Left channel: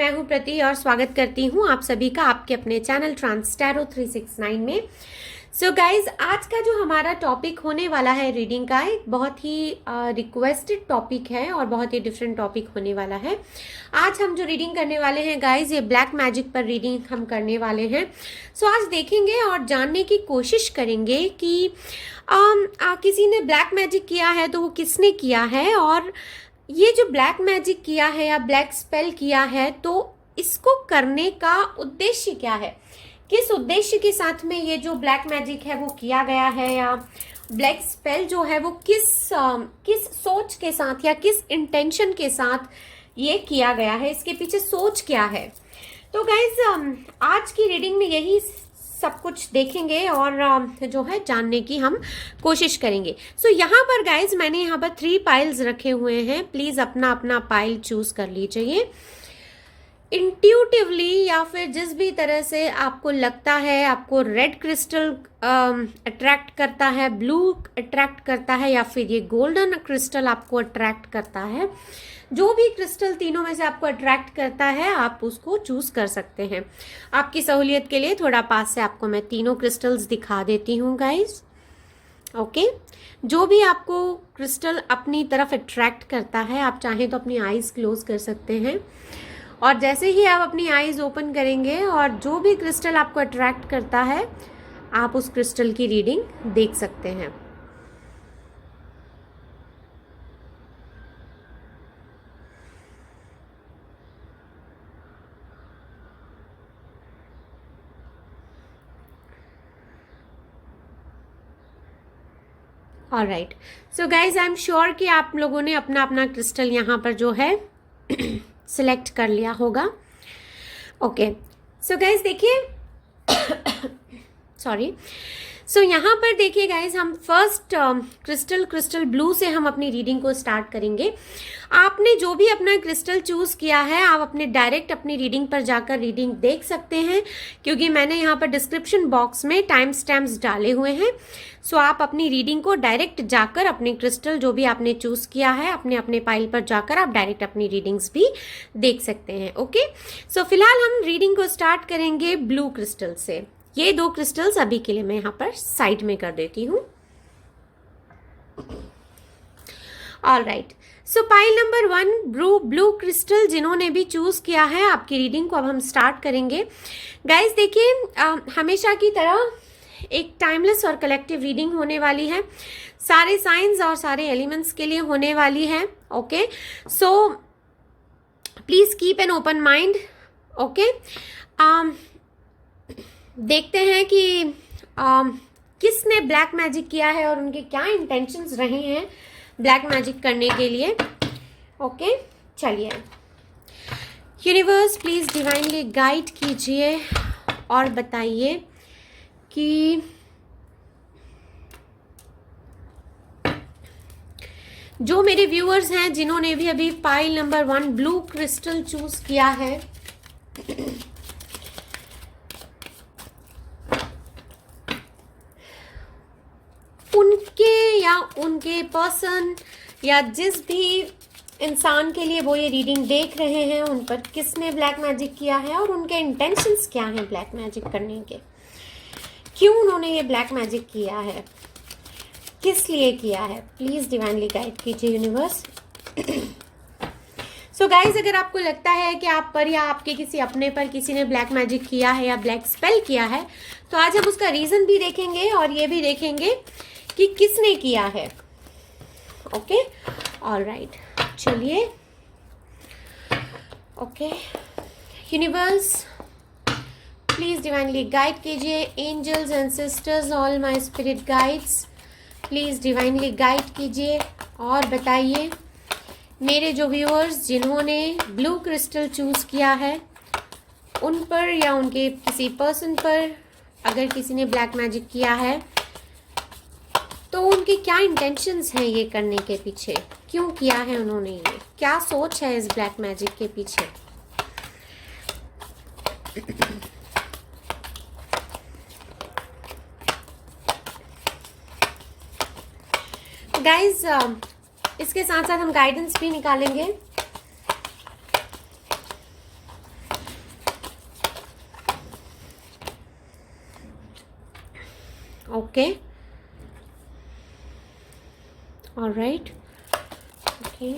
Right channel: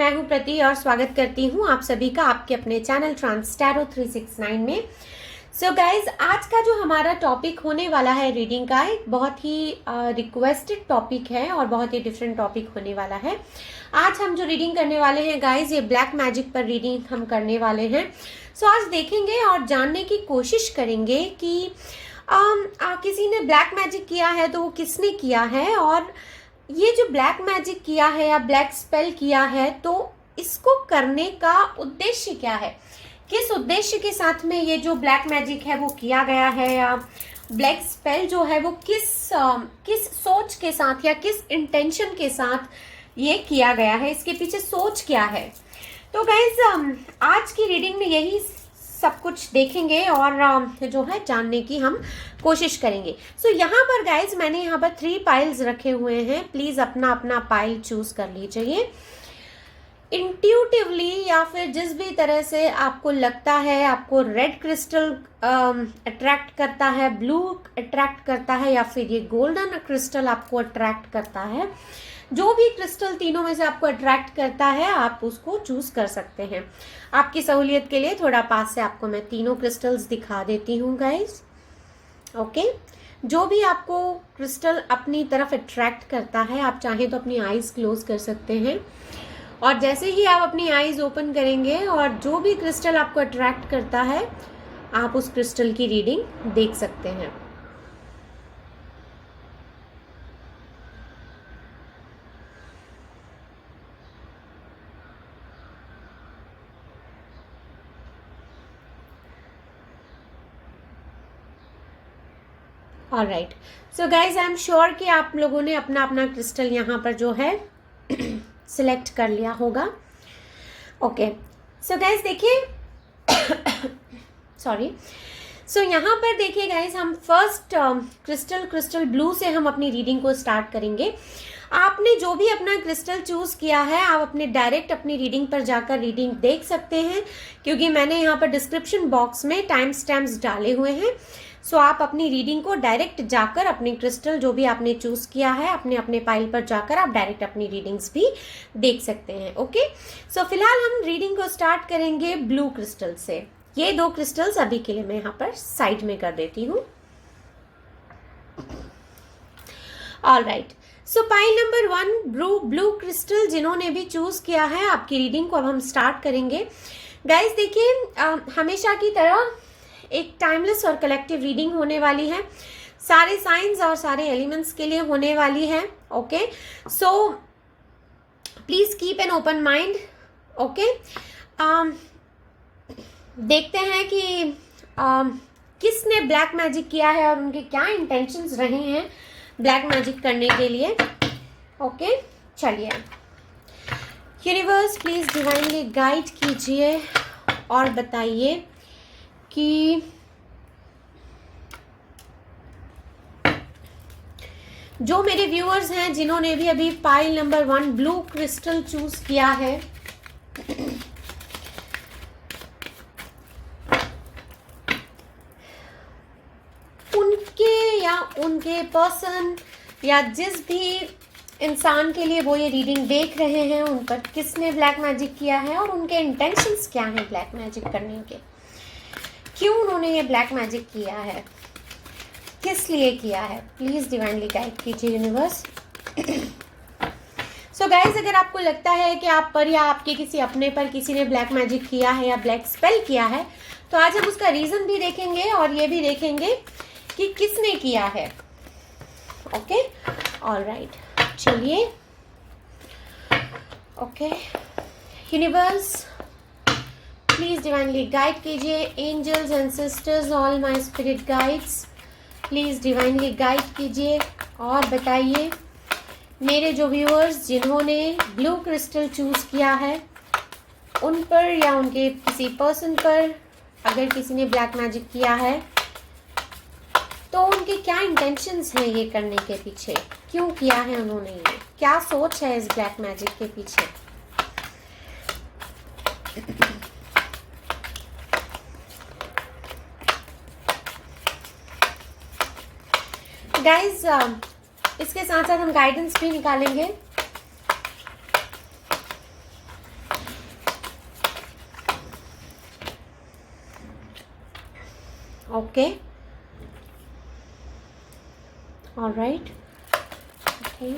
मैं हूं प्रति और स्वागत करती हूं आप सभी का आपके अपने चैनल ट्रांस टैरो 369 में। सो गाइज, आज का जो हमारा टॉपिक होने वाला है रीडिंग का, एक बहुत ही रिक्वेस्टेड टॉपिक है और बहुत ही डिफरेंट टॉपिक होने वाला है। आज हम जो रीडिंग करने वाले हैं गाइज, ये ब्लैक मैजिक पर रीडिंग हम करने वाले हैं। सो आज देखेंगे और जानने की कोशिश करेंगे कि किसी ने ब्लैक मैजिक किया है तो वो किसने किया है, और ये जो ब्लैक मैजिक किया है या ब्लैक स्पेल किया है तो इसको करने का उद्देश्य क्या है, किस उद्देश्य के साथ में ये जो ब्लैक मैजिक है वो किया गया है, या ब्लैक स्पेल जो है वो किस सोच के साथ या किस इंटेंशन के साथ ये किया गया है, इसके पीछे सोच क्या है। तो गाइज, आज की रीडिंग में यही सब कुछ देखेंगे और जो है जानने की हम कोशिश करेंगे। सो यहाँ पर गाइज मैंने यहाँ पर 3 पाइल्स रखे हुए हैं। प्लीज अपना अपना पाइल चूज कर लीजिए। इंट्यूटिवली या फिर जिस भी तरह से आपको लगता है, आपको रेड क्रिस्टल अट्रैक्ट करता है, ब्लू अट्रैक्ट करता है, या फिर ये गोल्डन क्रिस्टल आपको अट्रैक्ट करता है, जो भी क्रिस्टल तीनों में से आपको अट्रैक्ट करता है आप उसको चूज कर सकते हैं। आपकी सहूलियत के लिए थोड़ा पास से आपको मैं तीनों क्रिस्टल्स दिखा देती हूँ गाइज। ओके, जो भी आपको क्रिस्टल अपनी तरफ अट्रैक्ट करता है, आप चाहें तो अपनी आईज क्लोज कर सकते हैं, और जैसे ही आप अपनी आईज ओपन करेंगे और जो भी क्रिस्टल आपको अट्रैक्ट करता है आप उस क्रिस्टल की रीडिंग देख सकते हैं। Alright, so guys I am sure कि आप लोगों ने अपना अपना क्रिस्टल यहाँ पर जो है सिलेक्ट कर लिया होगा। ओके, सो गाइज देखिए सॉरी, सो यहाँ पर देखिए गाइज, हम फर्स्ट क्रिस्टल ब्लू से हम अपनी रीडिंग को स्टार्ट करेंगे। आपने जो भी अपना क्रिस्टल चूज किया है आप अपने डायरेक्ट अपनी रीडिंग पर जाकर रीडिंग देख सकते हैं, क्योंकि मैंने यहाँ पर डिस्क्रिप्शन बॉक्स में टाइम स्टैम्प्स डाले हुए हैं। सो आप अपनी रीडिंग को डायरेक्ट जाकर अपने क्रिस्टल जो भी आपने चूज किया है अपने अपने पाइल पर जाकर आप डायरेक्ट अपनी रीडिंग्स भी देख सकते हैं। ओके, सो फिलहाल हम रीडिंग को स्टार्ट करेंगे ब्लू क्रिस्टल से। ये 2 क्रिस्टल्स अभी के लिए मैं यहाँ पर साइड में कर देती हूँ। ऑलराइट, सो पाइल नंबर 1 ब्लू क्रिस्टल जिन्होंने भी चूज किया है, आपकी रीडिंग को अब हम स्टार्ट करेंगे। गाइज देखिए, हमेशा की तरह एक टाइमलेस और कलेक्टिव रीडिंग होने वाली है, सारे साइंस और सारे एलिमेंट्स के लिए होने वाली है। Okay, so please keep an open mind. Okay, देखते हैं कि किसने ब्लैक मैजिक किया है और उनके क्या इंटेंशंस रहे हैं ब्लैक मैजिक करने के लिए। ओके, चलिए, यूनिवर्स प्लीज डिवाइनली गाइड कीजिए और बताइए कि जो मेरे व्यूअर्स हैं जिन्होंने भी अभी pile number 1 blue crystal choose किया है, उनके या उनके पर्सन या जिस भी इंसान के लिए वो ये रीडिंग देख रहे हैं, उन पर किसने ब्लैक मैजिक किया है और उनके इंटेंशंस क्या हैं ब्लैक मैजिक करने के, क्यों उन्होंने ये ब्लैक मैजिक किया है, किस लिए किया है। प्लीज डिवाइनली गाइड कीजिए यूनिवर्स। सो गाइज, अगर आपको लगता है कि आप पर या आपके किसी अपने पर किसी ने ब्लैक मैजिक किया है या ब्लैक स्पेल किया है, तो आज हम उसका रीजन भी देखेंगे और ये भी देखेंगे कि किसने किया है। ओके, ऑलराइट, चलिए। Okay, universe please divinely guide कीजिए। Angels and sisters, all my spirit guides, please divinely guide कीजिए और बताइए मेरे जो व्यूअर्स जिन्होंने ब्लू क्रिस्टल चूज किया है, उन पर या उनके किसी पर्सन पर अगर किसी ने ब्लैक मैजिक किया है तो उनकी क्या इंटेंशंस हैं ये करने के पीछे, क्यों किया है उन्होंने, ये क्या सोच है इस ब्लैक मैजिक के पीछे। गाइज, इसके साथ साथ हम गाइडेंस भी निकालेंगे। Okay, alright, okay,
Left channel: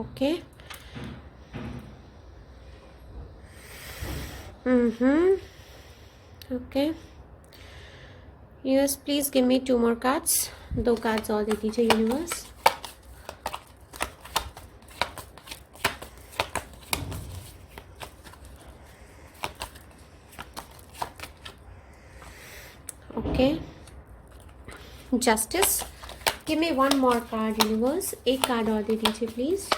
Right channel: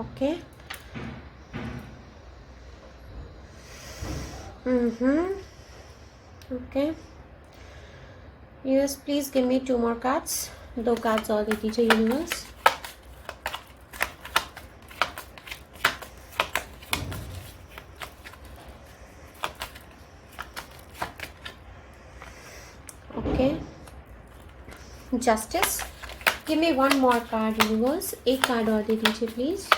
okay, okay, universe please give me 2 more cards, 2 cards और दे दीजिए universe. Okay, justice, give me 1 more card universe, 1 card और दे दीजिए प्लीज।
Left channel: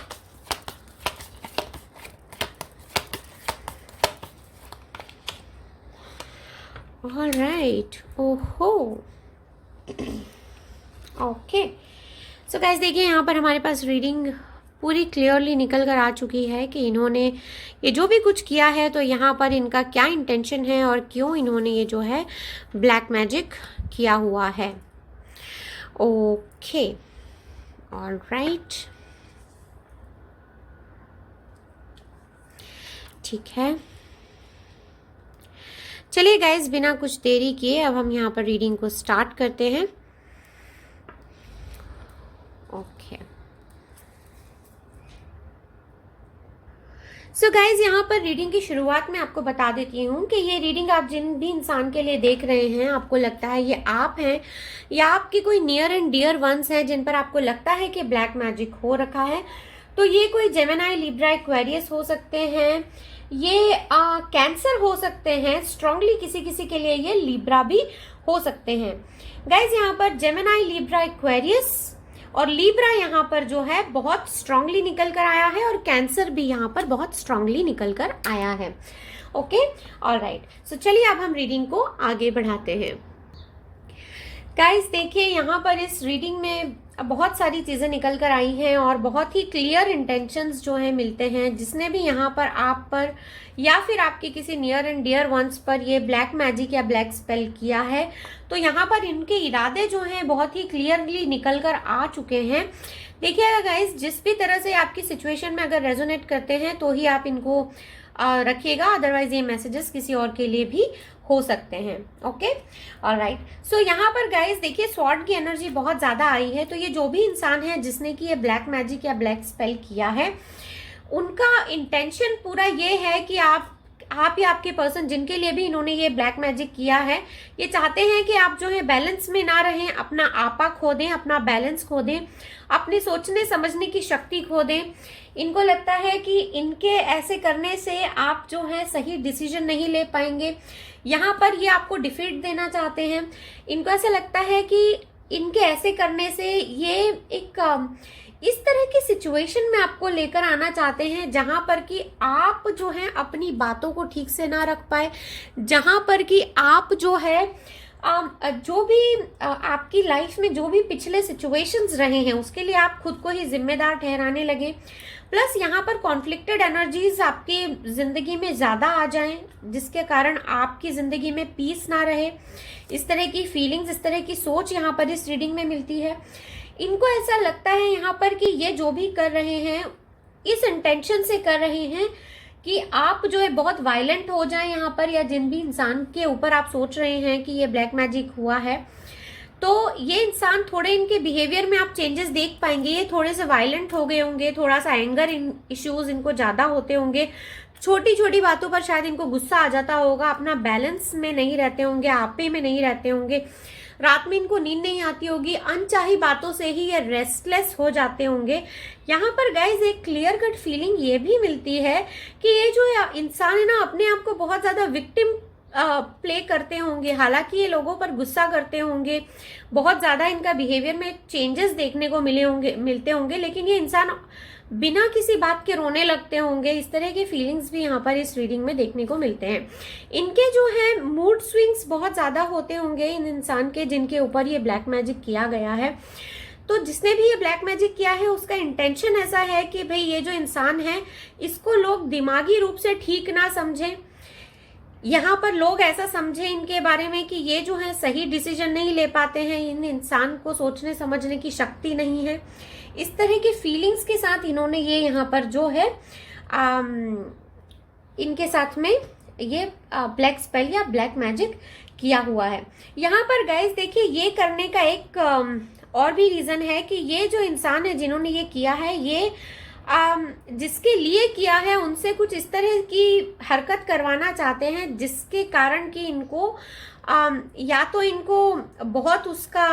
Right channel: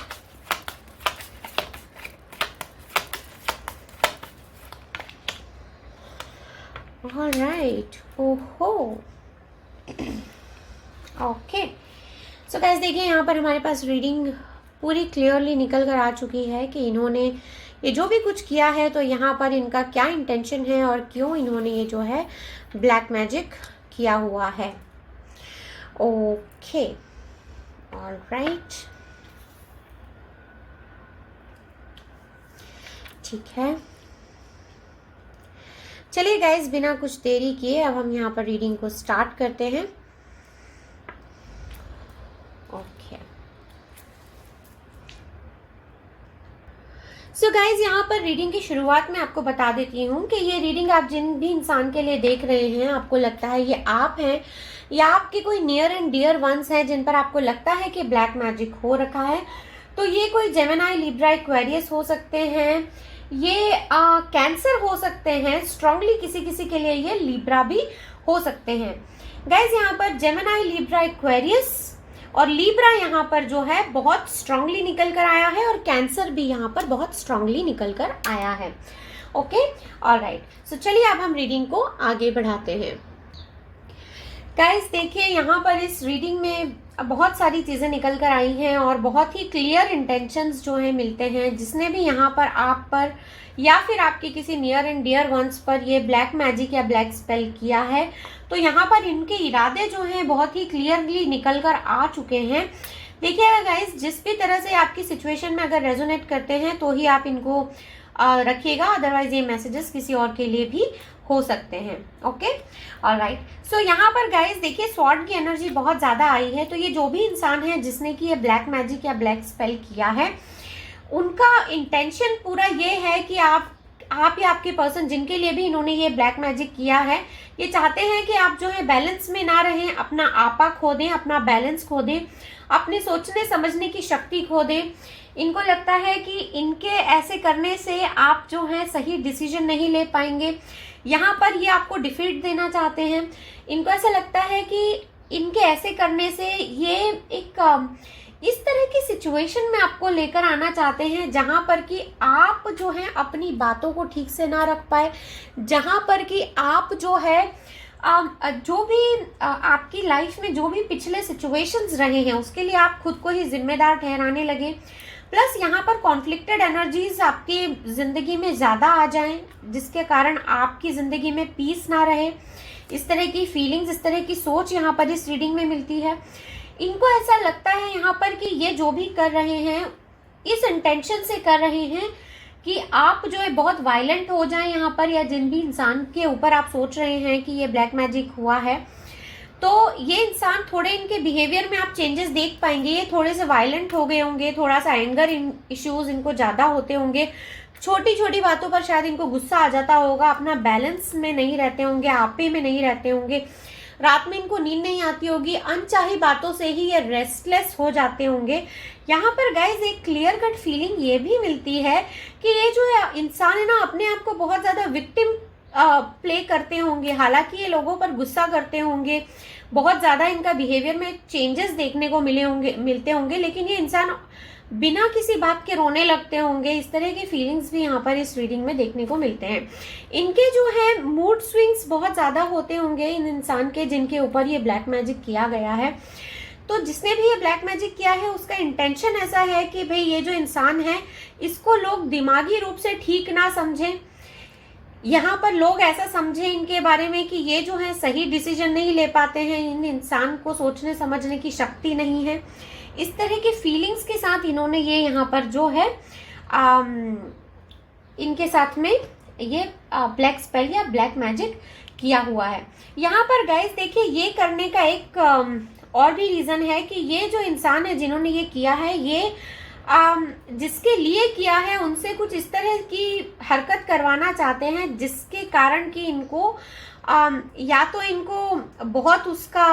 All right. ओहो, ओके। सो गाइस देखिए यहाँ पर हमारे पास रीडिंग पूरी क्लियरली निकल कर आ चुकी है कि इन्होंने ये जो भी कुछ किया है तो यहाँ पर इनका क्या इंटेंशन है और क्यों इन्होंने ये जो है ब्लैक मैजिक किया हुआ है। ओके, ऑल राइट, ठीक है। चलिए गाइज बिना कुछ देरी किए अब हम यहाँ पर रीडिंग को स्टार्ट करते हैं। ओके, सो गाइज यहाँ पर रीडिंग की शुरुआत में आपको बता देती हूँ कि ये रीडिंग आप जिन भी इंसान के लिए देख रहे हैं, आपको लगता है ये आप हैं या आपके कोई नियर एंड डियर वंस हैं जिन पर आपको लगता है कि ब्लैक मैजिक हो रखा है, तो ये कोई जेमिनी, लिब्रा, एक्वेरियस हो सकते हैं, ये कैंसर हो सकते हैं, स्ट्रांगली किसी किसी के लिए ये लिब्रा भी हो सकते हैं। गाइज यहाँ पर जेमिनी, लिब्रा, एक्वेरियस और लिब्रा यहाँ पर जो है बहुत स्ट्रांगली निकल कर आया है और कैंसर भी यहाँ पर बहुत स्ट्रांगली निकल कर आया है। ओके, ऑलराइट, सो चलिए अब हम रीडिंग को आगे बढ़ाते हैं। गाइज देखिए यहाँ पर इस रीडिंग में बहुत सारी चीजें निकल कर आई हैं और बहुत ही क्लियर इंटेंशंस जो है मिलते हैं। जिसने भी यहाँ पर आप पर या फिर आपके किसी नियर एंड डियर वंस पर ये ब्लैक मैजिक या ब्लैक स्पेल किया है, तो यहाँ पर इनके इरादे जो हैं बहुत ही क्लियरली निकल कर आ चुके हैं। देखिएगा गाइज, जिस भी तरह से आपकी सिचुएशन में अगर रेजोनेट करते हैं तो ही आप इनको रखिएगा, अदरवाइज ये मैसेजेस किसी और के लिए भी हो सकते हैं। ओके, ऑलराइट, सो यहाँ पर गाइस देखिए स्वॉर्ड की एनर्जी बहुत ज्यादा आई है। तो ये जो भी इंसान है जिसने कि ये ब्लैक मैजिक या ब्लैक स्पेल किया है, उनका इंटेंशन पूरा ये है कि आप या आपके पर्सन जिनके लिए भी इन्होंने ये ब्लैक मैजिक किया है, ये चाहते हैं कि आप जो है बैलेंस में ना रहें, अपना आपा खो दें, अपना बैलेंस खो दें, अपनी सोचने समझने की शक्ति खो दें। इनको लगता है कि इनके ऐसे करने से आप जो है सही डिसीजन नहीं ले पाएंगे। यहाँ पर ये आपको डिफीट देना चाहते हैं। इनको ऐसा लगता है कि इनके ऐसे करने से ये एक इस तरह की सिचुएशन में आपको लेकर आना चाहते हैं जहां पर कि आप जो है अपनी बातों को ठीक से ना रख पाए, जहां पर कि आप जो है जो भी आपकी लाइफ में जो भी पिछले सिचुएशंस रहे हैं उसके लिए आप खुद को ही जिम्मेदार ठहराने लगे। प्लस यहाँ पर कॉन्फ्लिक्टेड एनर्जीज आपकी जिंदगी में ज्यादा आ जाएं, जिसके कारण आपकी जिंदगी में पीस ना रहे। इस तरह की फीलिंग्स, इस तरह की सोच यहाँ पर इस रीडिंग में मिलती है। इनको ऐसा लगता है यहाँ पर कि ये जो भी कर रहे हैं इस इंटेंशन से कर रहे हैं कि आप जो है बहुत वायलेंट हो जाएं यहाँ पर, या जिन भी इंसान के ऊपर आप सोच रहे हैं कि ये ब्लैक मैजिक हुआ है, तो ये इंसान थोड़े इनके बिहेवियर में आप चेंजेस देख पाएंगे। ये थोड़े से वायलेंट हो गए होंगे, थोड़ा सा एंगर इश्यूज इनको ज्यादा होते होंगे, छोटी छोटी बातों पर शायद इनको गुस्सा आ जाता होगा, अपना बैलेंस में नहीं रहते होंगे, आपे में नहीं रहते होंगे, रात में इनको नींद नहीं आती होगी, अनचाही बातों से ही ये रेस्टलेस हो जाते होंगे। यहाँ पर गाइज एक क्लियर कट फीलिंग ये भी मिलती है कि ये जो इंसान है ना अपने आप को बहुत ज्यादा विक्टिम प्ले करते होंगे। हालांकि ये लोगों पर गुस्सा करते होंगे, बहुत ज्यादा इनका बिहेवियर में चेंजेस देखने को मिलते होंगे, लेकिन ये इंसान बिना किसी बात के रोने लगते होंगे। इस तरह की फीलिंग्स भी यहाँ पर इस रीडिंग में देखने को मिलते हैं। इनके जो है मूड स्विंग्स बहुत ज्यादा होते होंगे इन इंसान के जिनके ऊपर ये ब्लैक मैजिक किया गया है। तो जिसने भी ये ब्लैक मैजिक किया है उसका इंटेंशन ऐसा है कि भाई ये जो इंसान है इसको लोग दिमागी रूप से ठीक ना समझें, यहाँ पर लोग ऐसा समझे इनके बारे में कि ये जो है सही डिसीजन नहीं ले पाते हैं, इन इंसान को सोचने समझने की शक्ति नहीं है। इस तरह की फीलिंग्स के साथ साथ इन्होंने ये यहाँ पर जो है इनके साथ में ये ब्लैक स्पेल या ब्लैक मैजिक किया हुआ है। यहाँ पर गाइस देखिए, ये करने का एक और भी रीजन है कि ये जो इंसान है जिन्होंने ये किया है, ये जिसके लिए किया है उनसे कुछ इस तरह की हरकत करवाना चाहते हैं जिसके कारण कि इनको या तो इनको बहुत उसका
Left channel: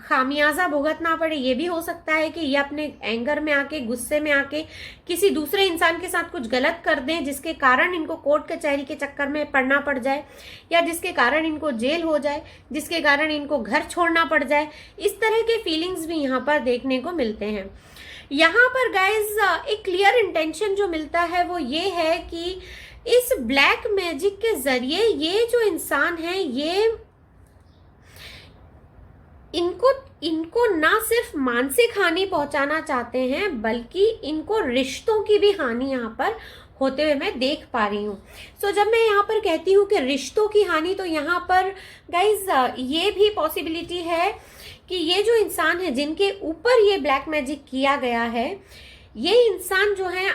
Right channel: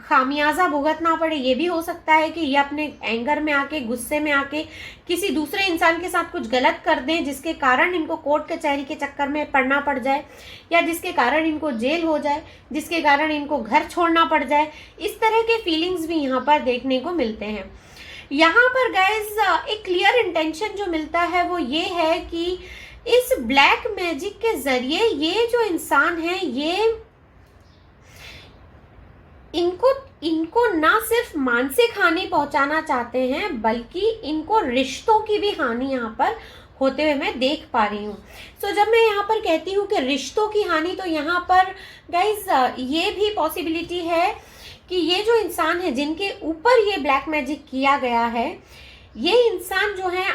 खामियाजा भुगतना पड़े। ये भी हो सकता है कि ये अपने एंगर में आके, गुस्से में आके किसी दूसरे इंसान के साथ कुछ गलत कर दें जिसके कारण इनको कोर्ट कचहरी के चक्कर में पड़ना पड़ जाए, या जिसके कारण इनको जेल हो जाए, जिसके कारण इनको घर छोड़ना पड़ जाए। इस तरह के फीलिंग्स भी यहाँ पर देखने को मिलते हैं। यहाँ पर गाइज एक क्लियर इंटेंशन जो मिलता है वो ये है कि इस ब्लैक मैजिक के जरिए ये जो इंसान है, ये इनको ना सिर्फ मानसिक हानि पहुंचाना चाहते हैं बल्कि इनको रिश्तों की भी हानि यहाँ पर होते हुए मैं देख पा रही हूँ। सो जब मैं यहाँ पर कहती हूँ कि रिश्तों की हानि, तो यहाँ पर गाइज ये भी पॉसिबिलिटी है कि ये जो इंसान है जिनके ऊपर ये ब्लैक मैजिक किया गया है, ये इंसान जो है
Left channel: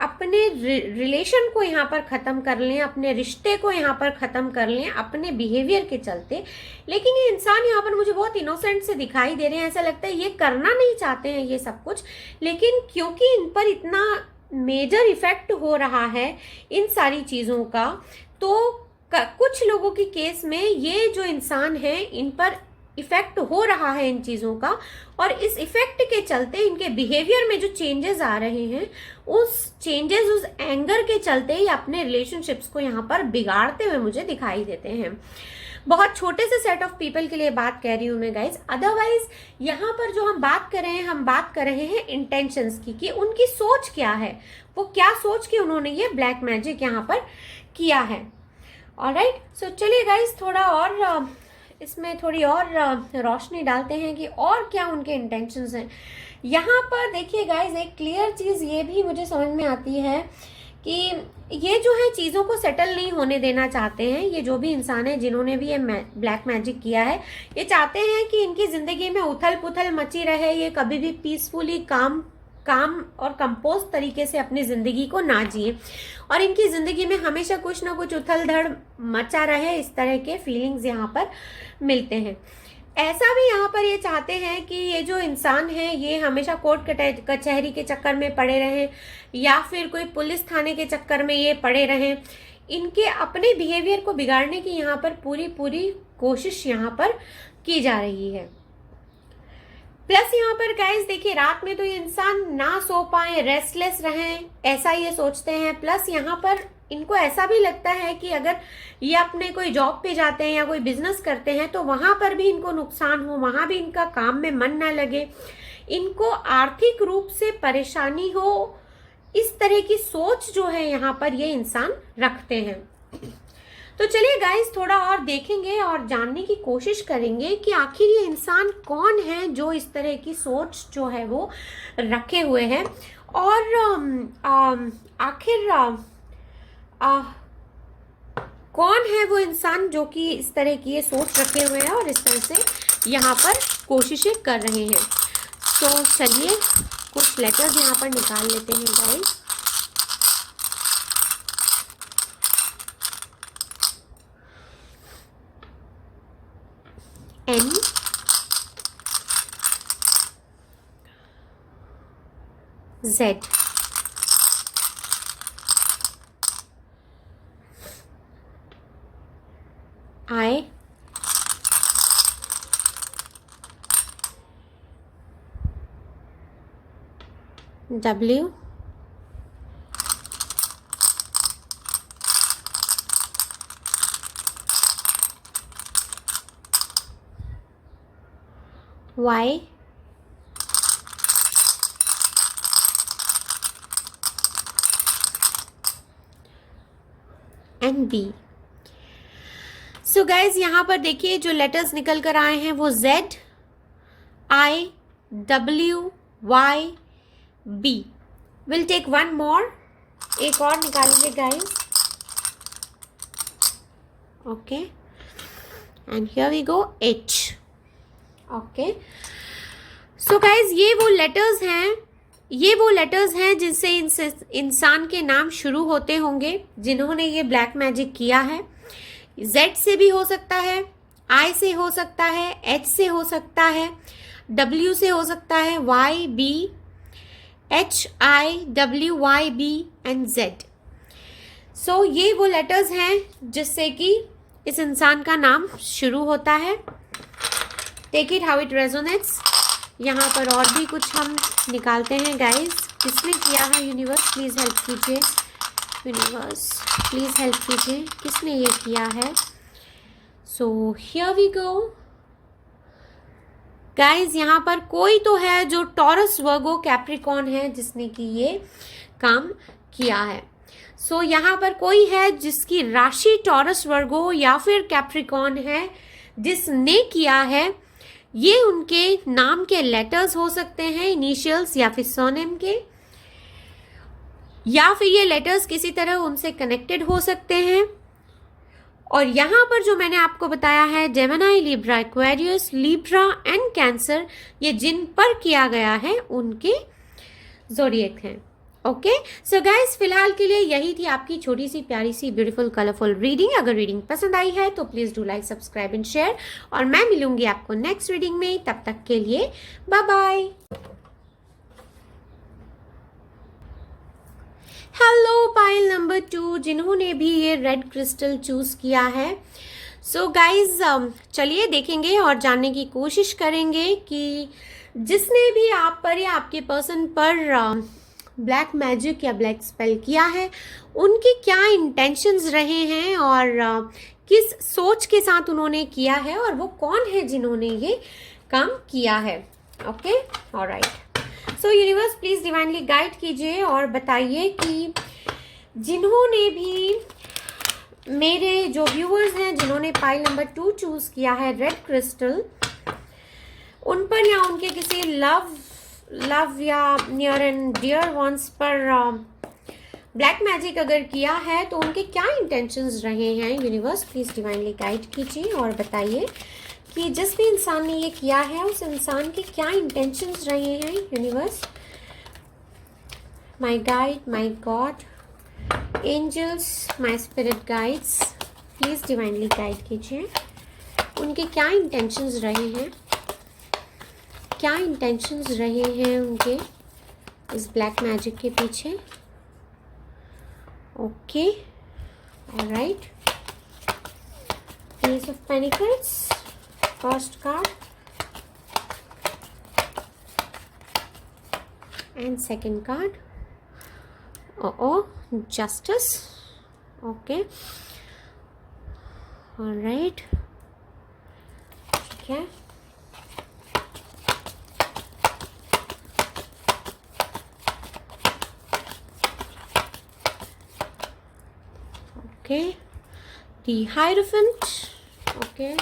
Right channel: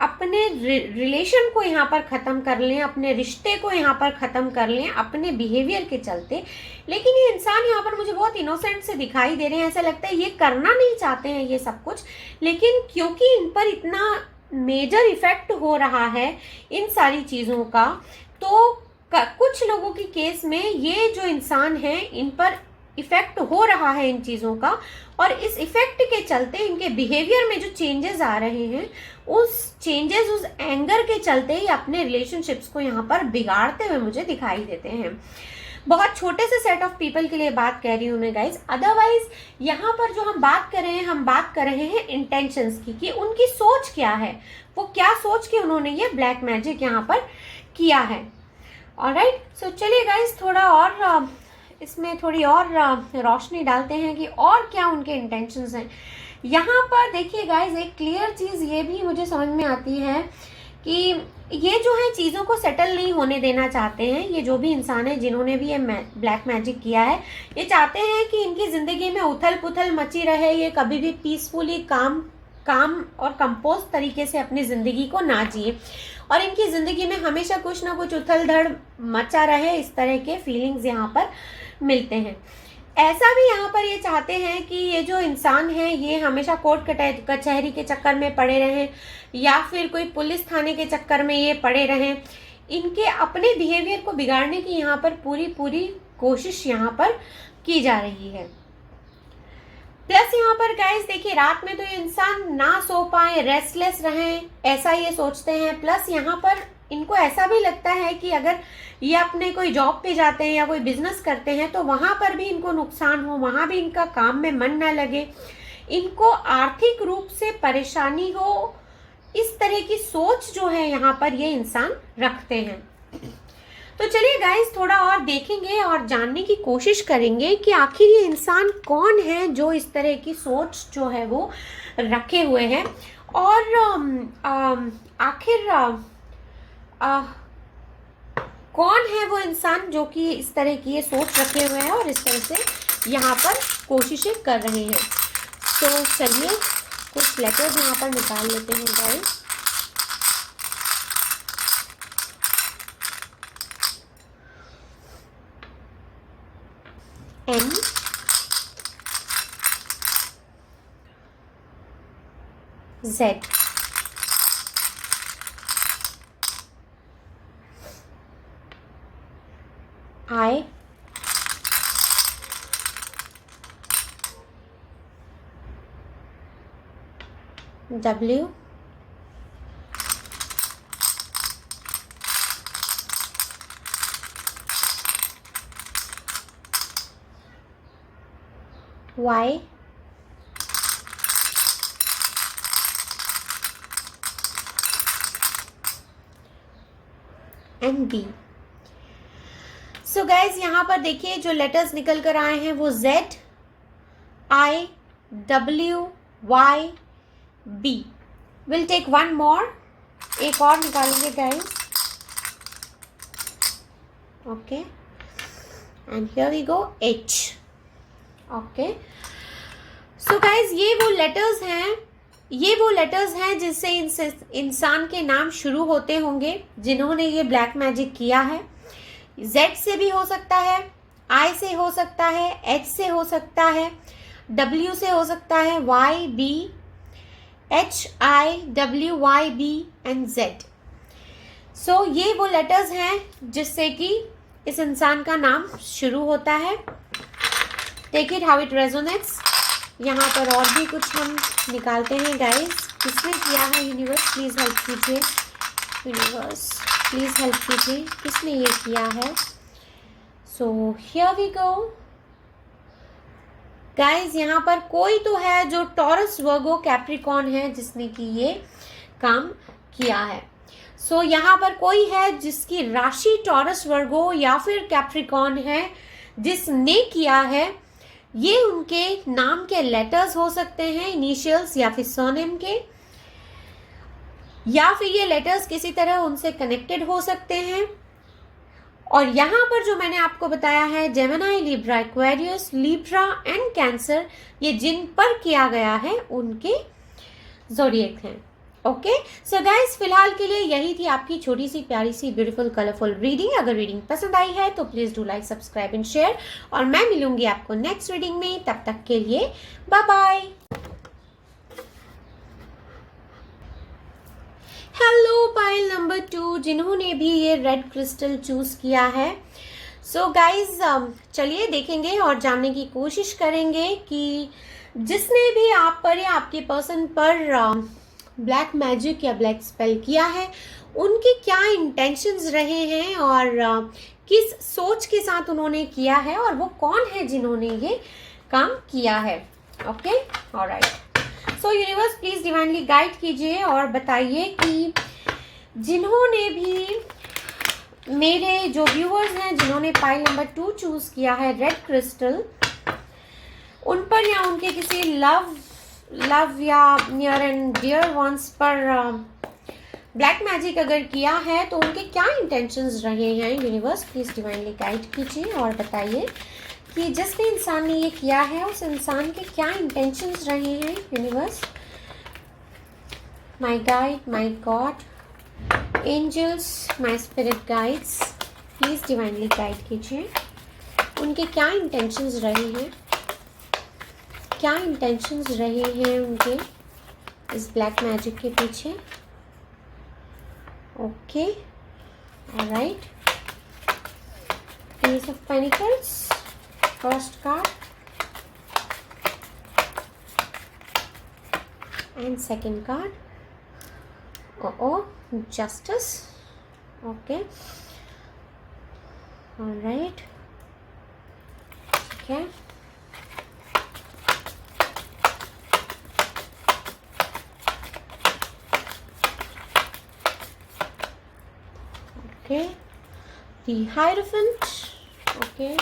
अपने रिलेशन को यहाँ पर खत्म कर लें, अपने रिश्ते को यहाँ पर खत्म कर लें अपने बिहेवियर के चलते। लेकिन ये इंसान यहाँ पर मुझे बहुत इनोसेंट से दिखाई दे रहे हैं। ऐसा लगता है ये करना नहीं चाहते हैं ये सब कुछ, लेकिन क्योंकि इन पर इतना मेजर इफेक्ट हो रहा है इन सारी चीजों का, तो कुछ लोगों की केस में ये जो इंसान है इन पर इफेक्ट हो रहा है इन चीजों का, और इस इफेक्ट के चलते इनके बिहेवियर में जो चेंजेस आ रहे हैं, उस चेंजेस, उस एंगर के चलते ही अपने रिलेशनशिप्स को यहाँ पर बिगाड़ते हुए मुझे दिखाई देते हैं। बहुत छोटे से सेट ऑफ पीपल के लिए बात कह रही हूं मैं गाइस। अदरवाइज यहाँ पर जो हम बात कर रहे हैं, हम बात कर रहे हैं इंटेंशंस की, कि उनकी सोच क्या है, वो क्या सोच के उन्होंने ये ब्लैक मैजिक यहाँ पर किया है। ऑलराइट, सो चलिए गाइस थोड़ा और इसमें थोड़ी और रोशनी डालते हैं कि और क्या उनके इंटेंशंस हैं। यहाँ पर देखिए गाइस, एक क्लियर चीज ये भी मुझे समझ में आती है कि ये जो है चीजों को सेटल नहीं होने देना चाहते हैं। ये जो भी इंसान है जिन्होंने भी ये ब्लैक मैजिक किया है, ये चाहते हैं कि इनकी जिंदगी में उथल पुथल मची रहे, ये कभी भी पीसफुली काम और कंपोज तरीके से अपनी जिंदगी को ना जिए, और इनकी जिंदगी में हमेशा कुछ ना कुछ उथल धड़ मचा रहे। इस तरह के फीलिंग्स यहाँ पर मिलते हैं। ऐसा भी यहाँ पर ये चाहते हैं कि ये जो इंसान है ये हमेशा कोर्ट कचहरी के चक्कर में पड़े रहें, या फिर कोई पुलिस थाने के चक्कर में ये पड़े रहें। इनके अपने बिहेवियर को बिगाड़ने की यहाँ पर पूरी कोशिश यहाँ पर की जा रही है। प्लस यहाँ पर गाइस देखिए, रात में तो ये इंसान ना सो पाए, रेस्टलेस रहें, ऐसा ये सोचते हैं। प्लस यहाँ पर इनको ऐसा भी लगता है कि अगर ये अपने कोई जॉब पे जाते हैं या कोई बिजनेस करते हैं तो वहां पर भी इनको नुकसान हो, वहां भी इनका काम में मन न लगे, इनको आर्थिक रूप से परेशानी हो, इस तरह की सोच जो है यहाँ पर ये इंसान रखते हैं। तो चलिए गाइस थोड़ा और देखेंगे और जानने की कोशिश करेंगे कि आखिर ये इंसान कौन है जो इस तरह की सोच जो है वो रखे हुए हैं, और आखिर कौन है वो इंसान जो कि इस तरह की ये सोच रखे हुए हैं और इस तरह से यहाँ पर कोशिशें कर रहे हैं। तो चलिए कुछ लेटर्स यहाँ पर निकाल लेते हैं guys. N Z I W Y and B। So guys यहाँ पर देखिए जो लेटर्स निकल कर आए हैं वो Z I W Y B। Will take one more, एक और निकालेंगे guys. Okay, and here we go H। Okay, so guys ये वो लेटर्स हैं ये वो लेटर्स हैं जिससे इंसान के नाम शुरू होते होंगे जिन्होंने ये ब्लैक मैजिक किया है। Z से भी हो सकता है, I से हो सकता है, H से हो सकता है, W से हो सकता है, Y, B, H, I, W, Y, B and Z। सो ये वो लेटर्स हैं जिससे कि इस इंसान का नाम शुरू होता है। Take it how it resonates. यहाँ पर और भी कुछ हम निकालते हैं गाइस। किसने किया है? यूनिवर्स प्लीज हेल्प कीजिए, यूनिवर्स प्लीज हेल्प कीजिए, किसने ये किया है? So here we go guys. यहाँ पर कोई तो है जो टॉरस, वर्गो, कैप्रिकॉर्न है जिसने कि ये काम किया है। सो यहाँ पर कोई है जिसकी राशि टॉरस, वर्गो या फिर कैप्रिकॉर्न है जिसने किया है। ये उनके नाम के लेटर्स हो सकते हैं, इनिशियल्स या फिर सरनेम के, या फिर ये लेटर्स किसी तरह उनसे कनेक्टेड हो सकते हैं। और यहां पर जो मैंने आपको बताया है Gemini, Libra, Aquarius, Libra and cancer, ये जिन पर किया गया है उनके ज़ोडिएक हैं। ओके सो गाइस, फिलहाल के लिए यही थी आपकी छोटी सी प्यारी सी ब्यूटीफुल कलरफुल रीडिंग। अगर रीडिंग पसंद आई है तो please do like, subscribe and share, और मैं मिलूंगी आपको नेक्स्ट रीडिंग में। तब तक के लिए bye bye. Hello pile number 2, जिन्होंने भी ये रेड क्रिस्टल चूज किया है। सो गाइज चलिए देखेंगे और जानने की कोशिश करेंगे कि जिसने भी आप पर या आपके पर्सन पर ब्लैक मैजिक या ब्लैक स्पेल किया है उनके क्या इंटेंशंस रहे हैं और किस सोच के साथ उन्होंने किया है, और वो कौन है जिन्होंने ये काम किया है। Okay alright, so universe please divinely guide कीजिए और बताइए कि जिन्होंने भी मेरे जो व्यूअर्स हैं जिन्होंने पाइल नंबर 2 चूज किया है रेड क्रिस्टल, उन पर या उनके किसी लव या नियर एंड डियर वंस पर ब्लैक मैजिक अगर किया है तो उनके क्या इंटेंशंस रहे हैं। यूनिवर्स प्लीज डिवाइनली गाइड कीजिए और बताइए कि जिस भी इंसान ने ये किया है उस इंसान के क्या इंटेंशंस रहे हैं। Universe, my guide, my god, angels, my spirit guides, please divinely guide कीजिए उनके क्या इंटेंशंस रहे हैं, क्या इंटेंशंस रहे हैं उनके इस ब्लैक मैजिक के पीछे। Okay alright, page of pentacles, first card and second card, justice. Okay alright, ठीक है। Okay, the Hierophant. Okay,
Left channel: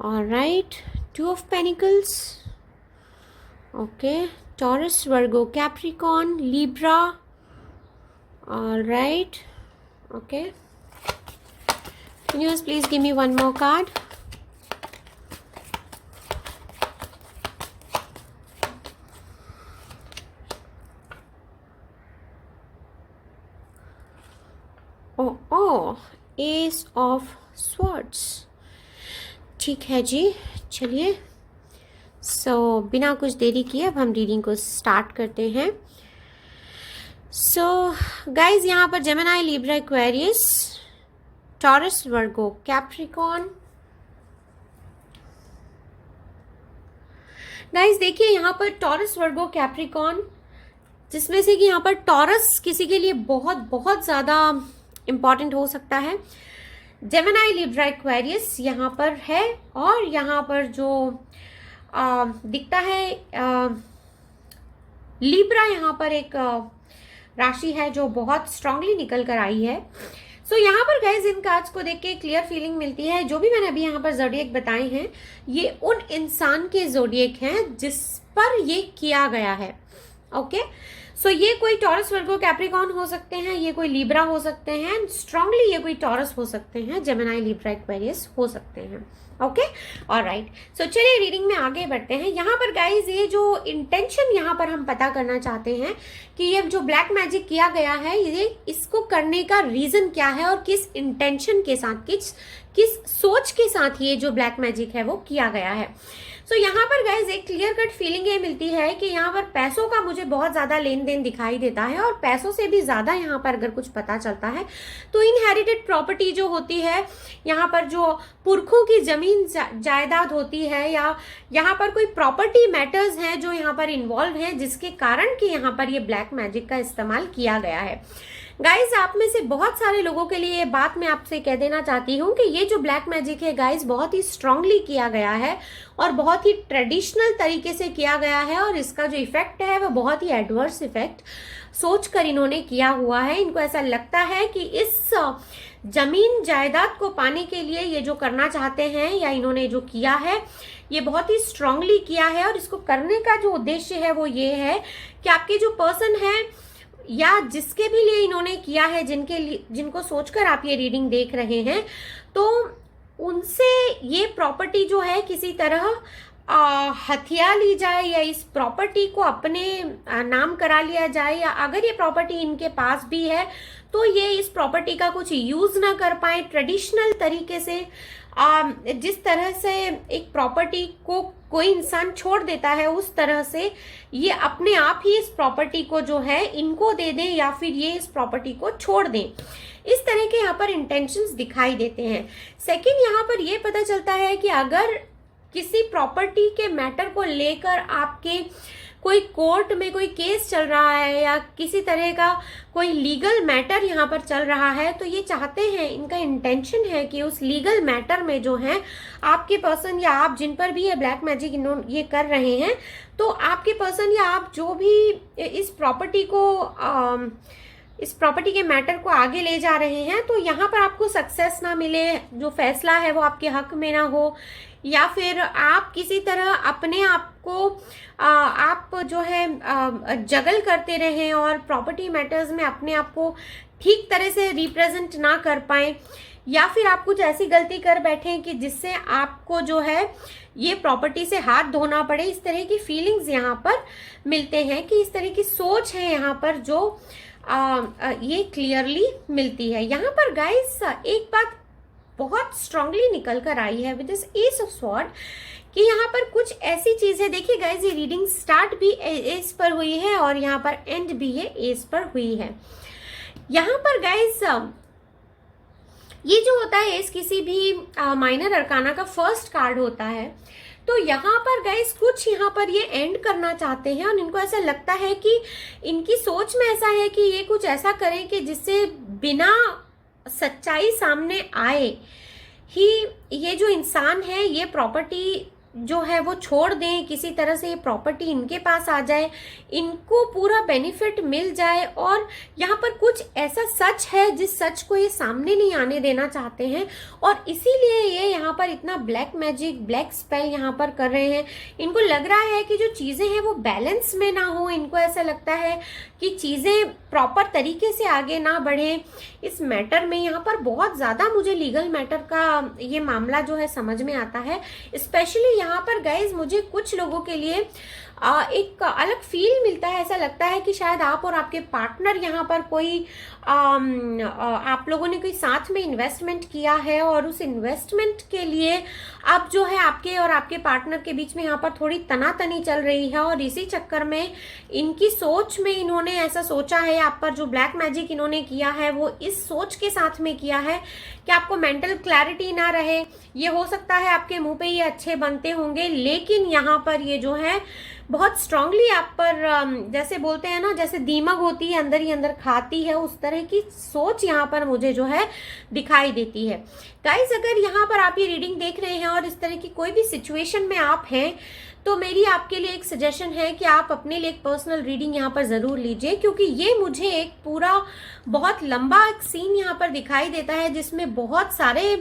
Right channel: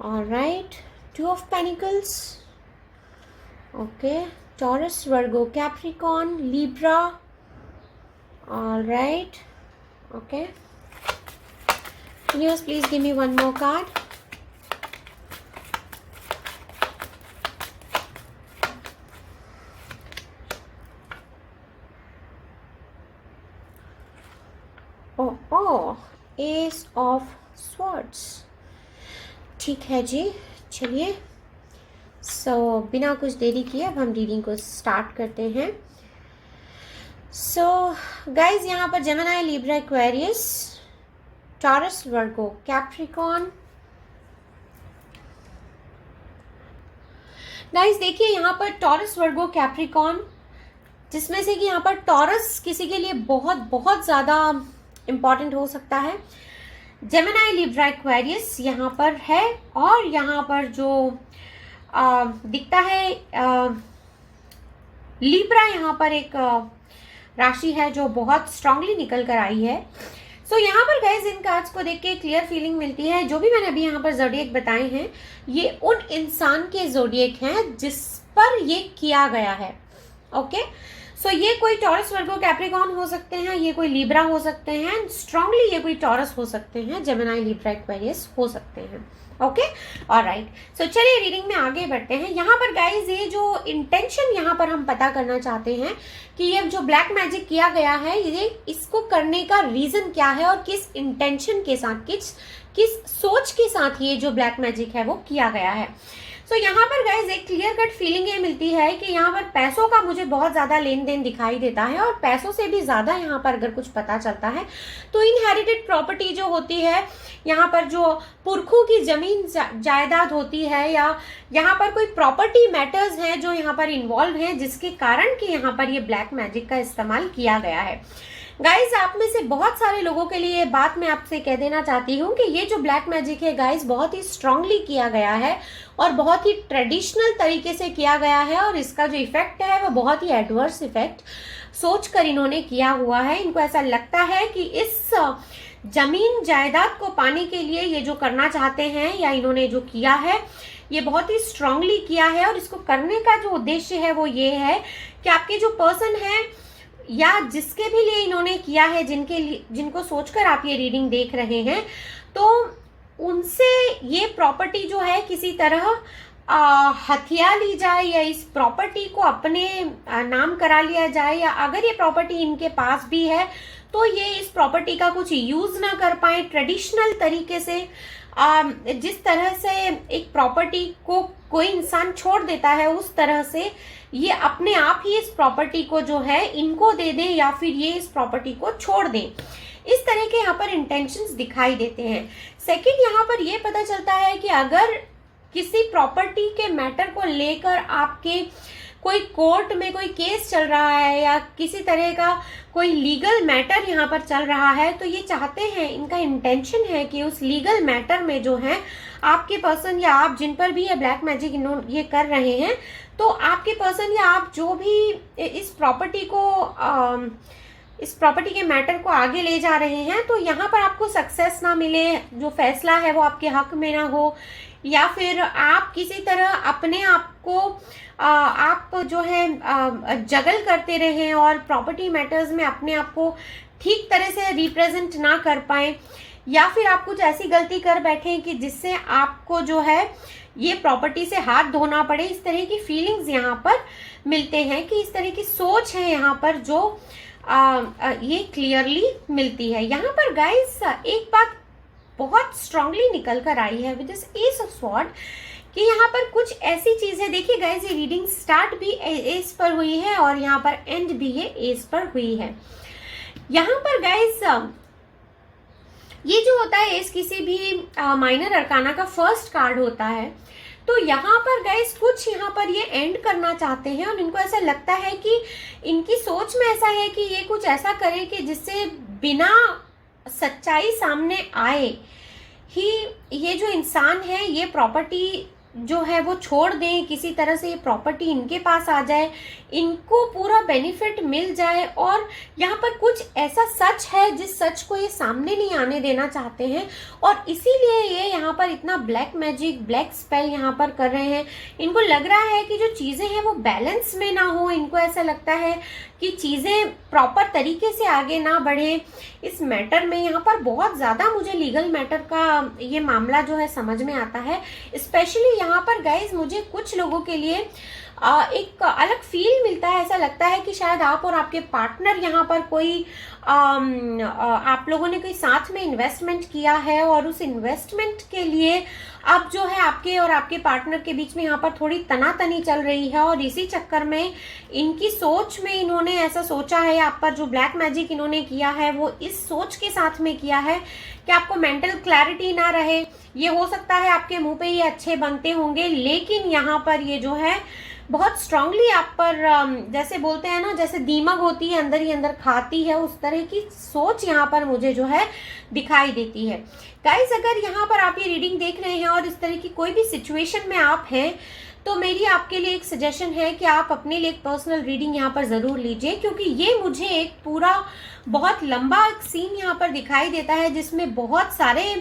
all right, 2 of Pentacles. Okay, Taurus, Virgo, Capricorn, Libra. All right, okay. Universe, please give me one more card. Ace of Swords. ठीक है जी, चलिए। बिना कुछ देरी किए अब हम रीडिंग को स्टार्ट करते हैं। गाइज यहाँ पर जेमिनी, लिब्रा, एक्वेरियस, टॉरस, वर्गो, कैप्रिकॉर्न। गाइस देखिए यहाँ पर टॉरस, वर्गो, कैप्रिकॉर्न, जिसमें से कि यहाँ पर टॉरस किसी के लिए बहुत बहुत ज्यादा इंपॉर्टेंट हो सकता है। जेमिनी, लिब्रा, एक्वेरियस यहाँ पर है, और यहाँ पर जो दिखता है लिब्रा, यहाँ पर एक राशि है जो बहुत स्ट्रांगली निकल कर आई है। यहाँ पर गाइस इन कार्ड्स को देख के क्लियर फीलिंग मिलती है। जो भी मैंने अभी यहाँ पर ज़ोडिएक बताए हैं ये उन इंसान के ज़ोडिएक हैं जिस पर ये किया गया है। ओके ये कोई टॉरस, वर्गो, कैप्रिकॉर्न हो सकते हैं, ये कोई लिब्रा हो सकते हैं, स्ट्रांगली ये कोई टॉरस हो सकते हैं, जेमिनी, लिब्रा, एक्वेरियस हो सकते हैं। Okay, alright. सो चलिए रीडिंग में आगे बढ़ते हैं। यहाँ पर गाइज ये जो इंटेंशन यहाँ पर हम पता करना चाहते हैं कि ये जो ब्लैक मैजिक किया गया है, ये इसको करने का रीजन क्या है और किस इंटेंशन के साथ, किस सोच के साथ ये जो ब्लैक मैजिक है वो किया गया है। सो यहाँ पर गाइज एक क्लियर कट फीलिंग ये मिलती है कि यहाँ पर पैसों का मुझे बहुत ज्यादा लेन देन दिखाई देता है, और पैसों से भी ज्यादा यहाँ पर अगर कुछ पता चलता है तो इनहेरिटेड प्रॉपर्टी जो होती है, यहाँ पर जो पुरखों की जमीन जायदाद होती है, या यहाँ पर कोई प्रॉपर्टी मैटर्स हैं जो यहाँ पर इन्वॉल्व हैं, जिसके कारण कि यहाँ पर ये ब्लैक मैजिक का इस्तेमाल किया गया है। गाइज आप में से बहुत सारे लोगों के लिए ये बात मैं आपसे कह देना चाहती हूँ कि ये जो ब्लैक मैजिक है गाइज बहुत ही स्ट्रांगली किया गया है और बहुत ही ट्रेडिशनल तरीके से किया गया है, और इसका जो इफेक्ट है वो बहुत ही एडवर्स इफेक्ट सोचकर इन्होंने किया हुआ है। इनको ऐसा लगता है कि इस जमीन जायदाद को पाने के लिए ये जो करना चाहते हैं या इन्होंने जो किया है ये बहुत ही स्ट्रांगली किया है, और इसको करने का जो उद्देश्य है वो ये है कि आपके जो पर्सन है या जिसके भी लिए इन्होंने किया है, जिनको सोचकर आप ये रीडिंग देख रहे हैं, तो उनसे ये प्रॉपर्टी जो है किसी तरह हथिया ली जाए, या इस प्रॉपर्टी को अपने नाम करा लिया जाए, या अगर ये प्रॉपर्टी इनके पास भी है तो ये इस प्रॉपर्टी का कुछ यूज ना कर पाए ट्रेडिशनल तरीके से। जिस तरह से एक प्रॉपर्टी को कोई इंसान छोड़ देता है, उस तरह से ये अपने आप ही इस प्रॉपर्टी को जो है इनको दे दे, या फिर ये इस प्रॉपर्टी को छोड़ दें। इस तरह के यहाँ पर इंटेंशंस दिखाई देते हैं। सेकंड, यहाँ पर ये पता चलता है कि अगर किसी प्रॉपर्टी के मैटर को लेकर आपके कोई कोर्ट में कोई केस चल रहा है या किसी तरह का कोई लीगल मैटर यहाँ पर चल रहा है, तो ये चाहते हैं, इनका इंटेंशन है कि उस लीगल मैटर में जो है आपके पर्सन या आप जिन पर भी ये ब्लैक मैजिक ये कर रहे हैं, तो आपके पर्सन या आप जो भी इस प्रॉपर्टी के मैटर को आगे ले जा रहे हैं, तो यहाँ पर आपको सक्सेस ना मिले, जो फैसला है वो आपके हक में ना हो, या फिर आप किसी तरह अपने आप को आप जो है जगल करते रहें और प्रॉपर्टी मैटर्स में अपने आप को ठीक तरह से रिप्रेजेंट ना कर पाए, या फिर आप कुछ ऐसी गलती कर बैठे कि जिससे आपको जो है ये प्रॉपर्टी से हाथ धोना पड़े। इस तरह की फीलिंग्स यहाँ पर मिलते हैं कि इस तरह की सोच है यहाँ पर जो ये क्लियरली मिलती है। यहाँ पर गाइस एक बात बहुत स्ट्रांगली निकल कर आई है with this S of sword, कि यहाँ पर कुछ ऐसी चीज है। देखिए गाइस, ये रीडिंग स्टार्ट भी एस पर हुई है और यहाँ पर एंड भी ये एस पर हुई है। यहाँ पर गाइस ये जो होता है एस किसी भी माइनर अरकाना का फर्स्ट कार्ड होता है, तो यहाँ पर गाइस कुछ यहाँ पर ये एंड करना चाहते हैं, और इनको ऐसा लगता है कि इनकी सोच में ऐसा है कि ये कुछ ऐसा करें कि जिससे बिना सच्चाई सामने आए ही ये जो इंसान है ये प्रॉपर्टी जो है वो छोड़ दें, किसी तरह से ये प्रॉपर्टी इनके पास आ जाए, इनको पूरा बेनिफिट मिल जाए। और यहाँ पर कुछ ऐसा सच है जिस सच को ये सामने नहीं आने देना चाहते हैं, और इसीलिए ये यहाँ पर इतना ब्लैक मैजिक, ब्लैक स्पेल यहाँ पर कर रहे हैं। इनको लग रहा है कि जो चीजें हैं वो बैलेंस में ना हो, इनको ऐसा लगता है कि चीजें प्रॉपर तरीके से आगे ना बढ़े इस मैटर में। यहाँ पर बहुत ज्यादा मुझे लीगल मैटर का ये मामला जो है समझ में आता है। स्पेशली यहाँ पर गाइज मुझे कुछ लोगों के लिए एक अलग फील मिलता है। ऐसा लगता है कि शायद आप और आपके पार्टनर यहाँ पर कोई आप लोगों ने कोई साथ में इन्वेस्टमेंट किया है, और उस इन्वेस्टमेंट के लिए अब जो है आपके और आपके पार्टनर के बीच में यहाँ पर थोड़ी तनातनी चल रही है, और इसी चक्कर में इनकी सोच में इन्होंने ऐसा सोचा है, आप पर जो ब्लैक मैजिक इन्होंने किया है वो इस सोच के साथ में किया है कि आपको मेंटल क्लैरिटी ना रहे। ये हो सकता है आपके मुंह पे ये अच्छे बनते होंगे, लेकिन यहाँ पर ये जो है बहुत स्ट्रांगली आप पर जैसे बोलते हैं ना, जैसे दीमक होती है अंदर ही अंदर खाती है, उस तरह की सोच यहाँ पर मुझे जो है दिखाई देती है। गाइस, अगर यहाँ पर आप ये रीडिंग देख रहे हैं और इस तरह की कोई भी सिचुएशन में आप हैं, तो मेरी आपके लिए एक सजेशन है कि आप अपने लिए एक पर्सनल रीडिंग यहाँ पर जरूर लीजिए, क्योंकि ये मुझे एक पूरा बहुत लंबा एक सीन यहाँ पर दिखाई देता है जिसमें बहुत सारे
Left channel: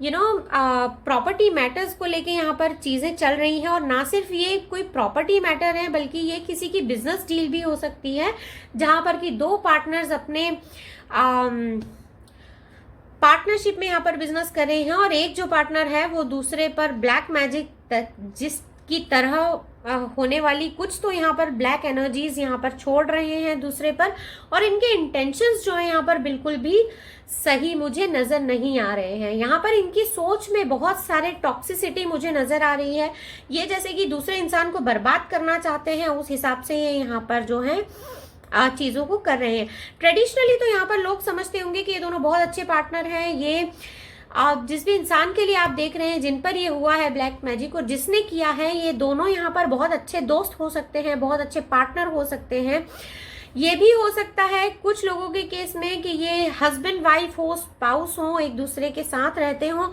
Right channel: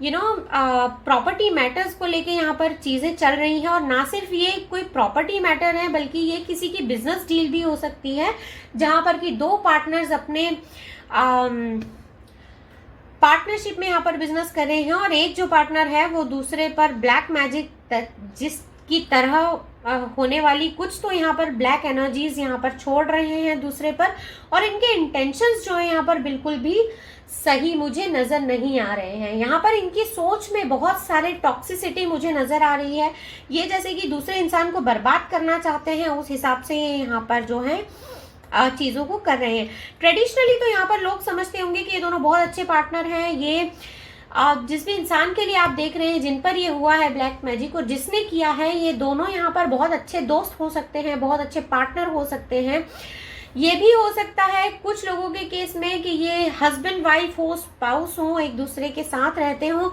प्रॉपर्टी मैटर्स को लेके यहाँ पर चीजें चल रही हैं। और ना सिर्फ ये कोई प्रॉपर्टी मैटर है, बल्कि ये किसी की बिजनेस डील भी हो सकती है, जहां पर कि दो पार्टनर्स अपने पार्टनरशिप में यहाँ पर बिजनेस कर रहे हैं, और एक जो पार्टनर है वो दूसरे पर ब्लैक मैजिक जिसकी तरह होने वाली कुछ तो यहाँ पर ब्लैक एनर्जीज यहाँ पर छोड़ रहे हैं दूसरे पर। और इनके इंटेंशंस जो है यहाँ पर बिल्कुल भी सही मुझे नजर नहीं आ रहे हैं। यहाँ पर इनकी सोच में बहुत सारे टॉक्सिसिटी मुझे नजर आ रही है। ये जैसे कि दूसरे इंसान को बर्बाद करना चाहते हैं, उस हिसाब से यहाँ पर जो है चीजों को कर रहे हैं। ट्रेडिशनली तो यहाँ पर लोग समझते होंगे कि ये दोनों बहुत अच्छे पार्टनर हैं। ये जिस भी इंसान के लिए आप देख रहे हैं, जिन पर ये हुआ है ब्लैक मैजिक और जिसने किया है, ये दोनों यहाँ पर बहुत अच्छे दोस्त हो सकते हैं, बहुत अच्छे पार्टनर हो सकते हैं। ये भी हो सकता है कुछ लोगों के केस में कि ये हस्बैंड वाइफ हो, स्पाउस हो, एक दूसरे के साथ रहते हो।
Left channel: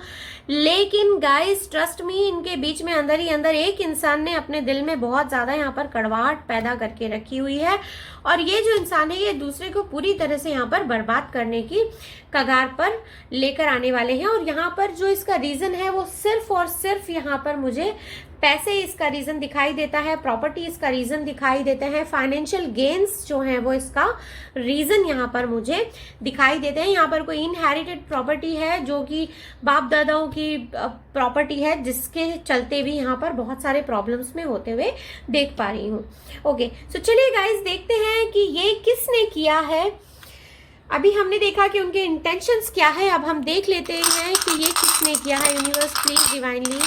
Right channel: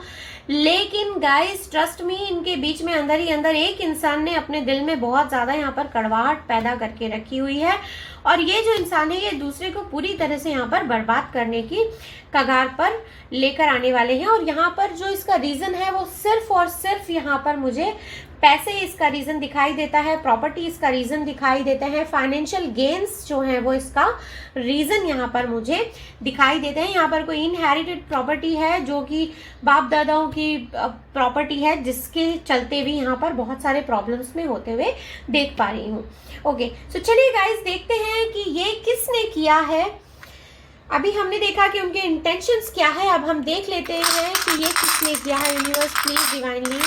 लेकिन गाइस ट्रस्ट मी, इनके बीच में अंदर ही अंदर एक इंसान ने अपने दिल में बहुत ज्यादा यहाँ पर कड़वाहट पैदा करके रखी हुई है, और ये जो इंसान है ये दूसरे को पूरी तरह से यहाँ पर बर्बाद करने की कगार पर लेकर आने वाले हैं। और यहाँ पर जो इसका रीजन है वो सिर्फ और सिर्फ यहाँ पर मुझे पैसे इसका रीजन दिखाई देता है, प्रॉपर्टी इसका रीजन दिखाई देते हैं, फाइनेंशियल गेन्स जो है वो इसका रीजन यहाँ पर मुझे दिखाई देते हैं। यहाँ पर कोई इनहेरिटेड प्रॉपर्टी है जो कि बाप दादाओं की प्रॉपर्टी है, जिसके चलते भी यहाँ पर बहुत सारे प्रॉब्लम्स में होते हुए देख पा रही हूँ। ओके, सो चलिए गाइस देखते हैं कि ये किसने किया है। अभी हमने देखा कि उनके इंटेंशंस क्या है, अब हम देख लेते हैं कि ये किसने किया है। यूनिवर्स प्लीज डिवाइनली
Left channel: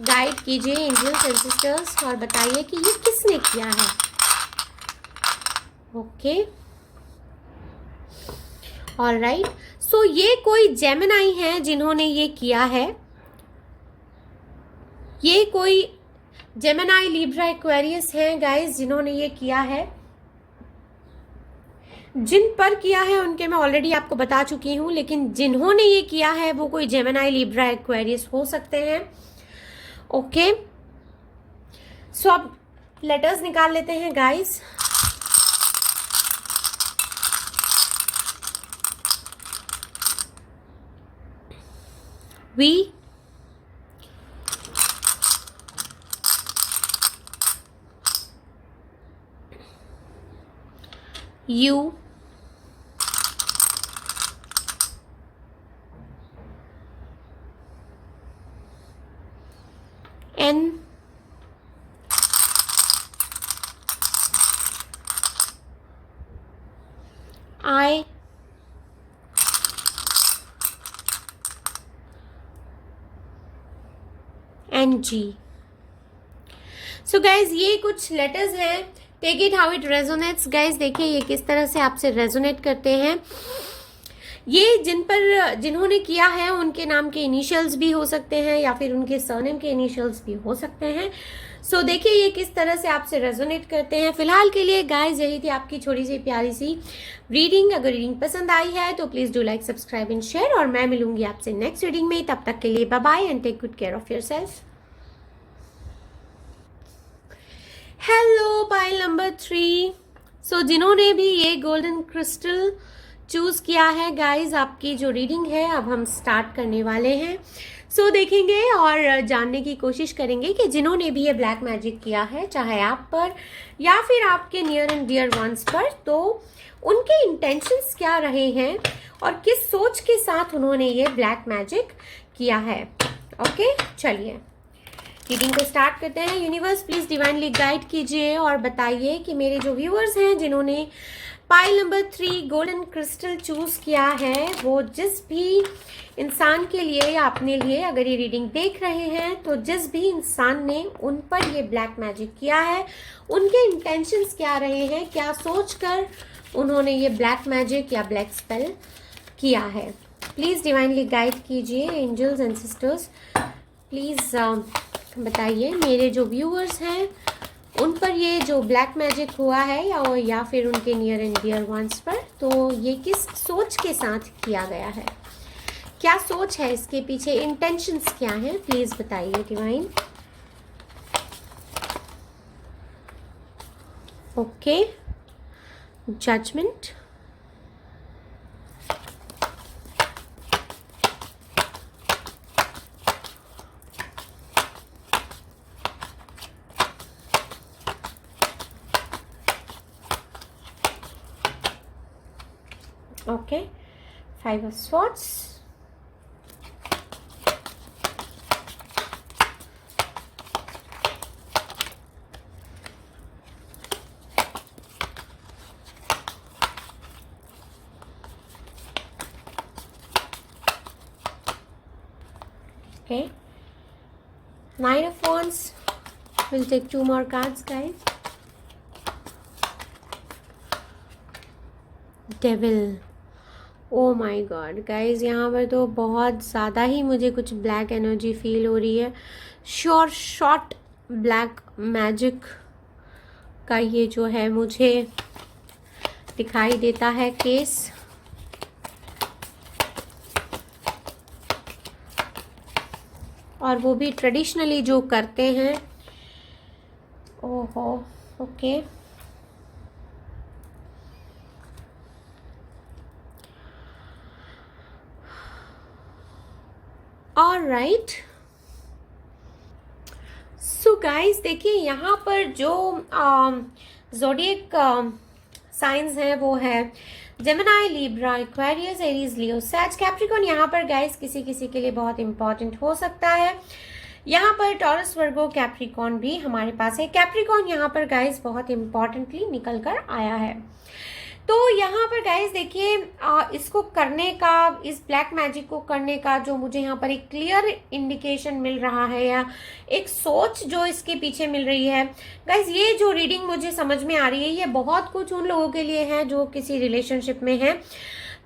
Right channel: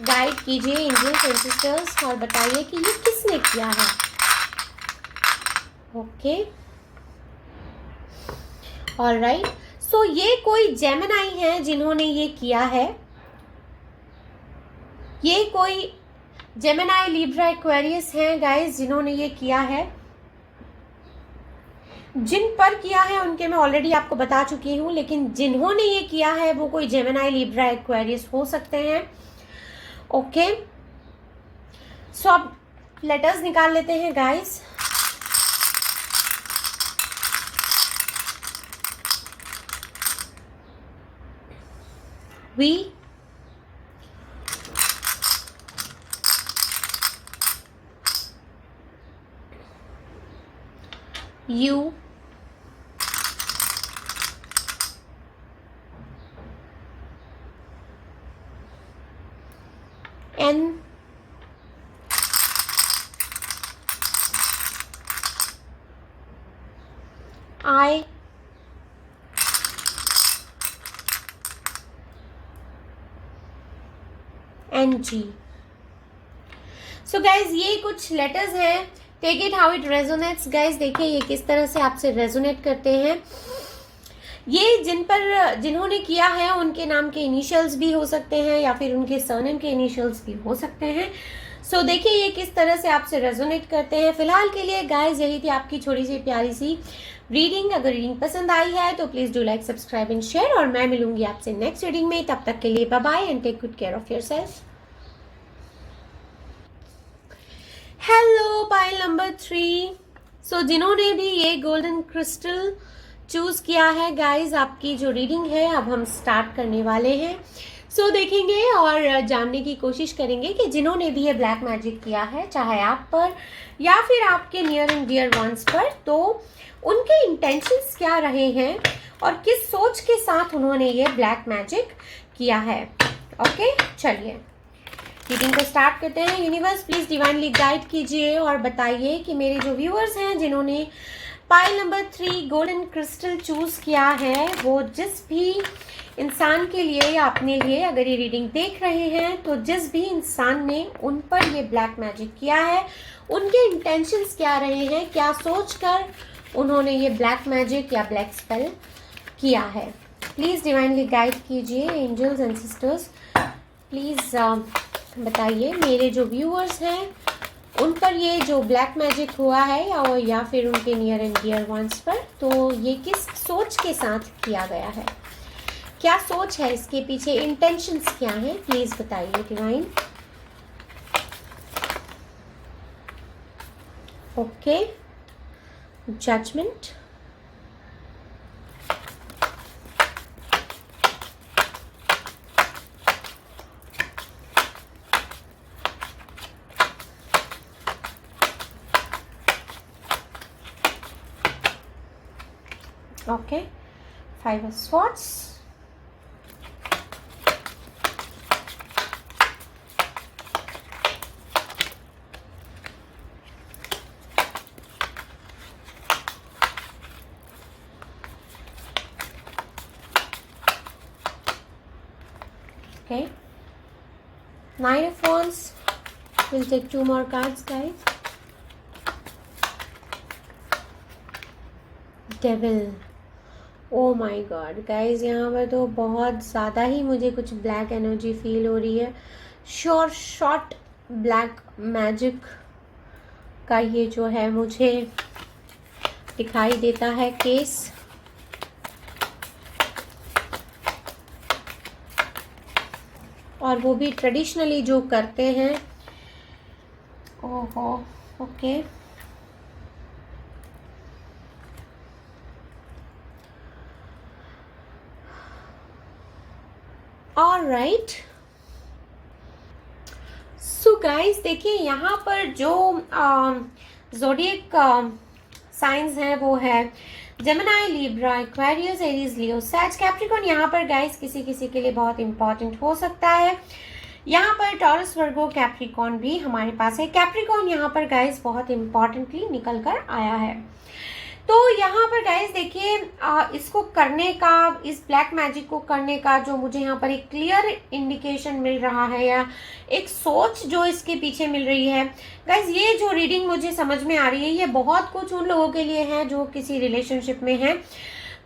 गाइड कीजिए एंजल्स एंड सिस्टर्स, और बताइए कि ये किसने किया है। ओके, ऑलराइट, सो ये कोई जेमिनाई है जिन्होंने ये किया है। ये कोई जेमिनाई, लिब्रा, एक्वेरियस है गाइस जिन्होंने ये किया है। जिन पर किया है उनके मैं ऑलरेडी आपको बता चुकी हूं, लेकिन जिन्होंने ये किया है वो कोई जेमिनाई, लिब्रा, एक्वेरियस हो सकते हैं। ओके, सो अब लेटर्स निकाल लेते हैं guys. V U N I N G। So guys ये कुछ लेटर्स हैं, take it how it resonates. Guys देखिए ये किस तरह से आपसे रेजोनेट करते हैं। ये जिन्होंने किया है उनके नाम के इनिशियल्स भी हो सकते हैं, या फिर उनके सरनेम के इनिशियल्स भी हो सकते हैं। सो देखिए ये किस तरह से आपसे रेजोनेट करते हैं। फिलहाल के लिए गाइस यही थी आपकी छोटी सी प्यारी सी रीडिंग। अगर रीडिंग पसंद आई है तो please do like, subscribe and share, और मैं मिलूंगी आपसे नेक्स्ट रीडिंग में। तब तक के लिए bye bye and take good care of yourself. Hello pile number 3। So जिन्होंने भी ये गोल्डन क्रिस्टल चूज किया है गाइस, आपकी जो रीडिंग है अब हम स्टार्ट करने वाले हैं। सो देखेंगे और जानने की कोशिश करेंगे कि जिन्होंने भी ये ब्लैक मैजिक किया है, चाहे आप पर या फिर आपके नियर एंड डियर वंस पर, तो उनके इंटेंशंस क्या रहे हैं और किस सोच के साथ उन्होंने ये ब्लैक मैजिक किया है। ओके, चलिए रीडिंग को स्टार्ट करते हैं। यूनिवर्स प्लीज डिवाइनली गाइड कीजिए और बताइए कि मेरे जो व्यूअर्स हैं जिन्होंने pile number 3 golden crystal choose किया है, वो जिस भी इंसान के लिए या अपने लिए अगर ये रीडिंग देख रहे हैं, तो जिस भी इंसान ने उन पर ये ब्लैक मैजिक किया है, उनके इंटेंशंस क्या रहे हैं, क्या सोचकर उन्होंने ये ब्लैक मैजिक या ब्लैक स्पेल किया है। प्लीज डिवाइनली गाइड कीजिए एंजल्स एंड सिस्टर्स, प्लीज बताइए मेरे जो व्यूअर्स हैं उन पर ये जो ब्लैक मैजिक हुआ है या फिर उनके नियर एंड डियर वंस पर, तो ये किस सोच के साथ किया गया है, क्या सोच है इसके पीछे, इंटेंशंस क्या हैं, प्लीज बताइए divine. Okay, judgement, okay, 5 of swords, okay, 9 of wands. We'll take 2 more cards, guys. Devil. Oh my God guys, यहाँ पर तो बहुत ज़्यादा ही मुझे कुछ ब्लैक एनर्जी फील हो रही है। शॉर्ट ब्लैक मैजिक का ये जो है मुझे दिखाई देता है केस। और वो भी ट्रेडिशनली जो करते हैं। ओहो, ओके, ऑलराइट। सो गाइस, देखिए यहाँ पर जो ज़ोडिएक साइंस है वो है जेमिनी, लिब्रा, एक्वेरियस, एरीज, लियो, सैज, कैप्रिकॉर्न। यहाँ पर गाइस किसी किसी के लिए बहुत इंपॉर्टेंट हो सकता है। यहाँ पर टॉरस, वर्गो, कैप्रिकॉर्न भी हमारे पास है। कैप्रिकॉर्न यहाँ पर गाइस बहुत इंपॉर्टेंटली निकल कर आया है। तो यहाँ पर गाइस देखिए, इसको करने का, इस ब्लैक मैजिक को करने का जो मुझे यहाँ पर एक क्लियर इंडिकेशन मिल रहा है, या एक सोच जो इसके पीछे मिल रही है गाइस, ये जो रीडिंग मुझे समझ में आ रही है, ये बहुत कुछ उन लोगों के लिए है जो किसी रिलेशनशिप में है।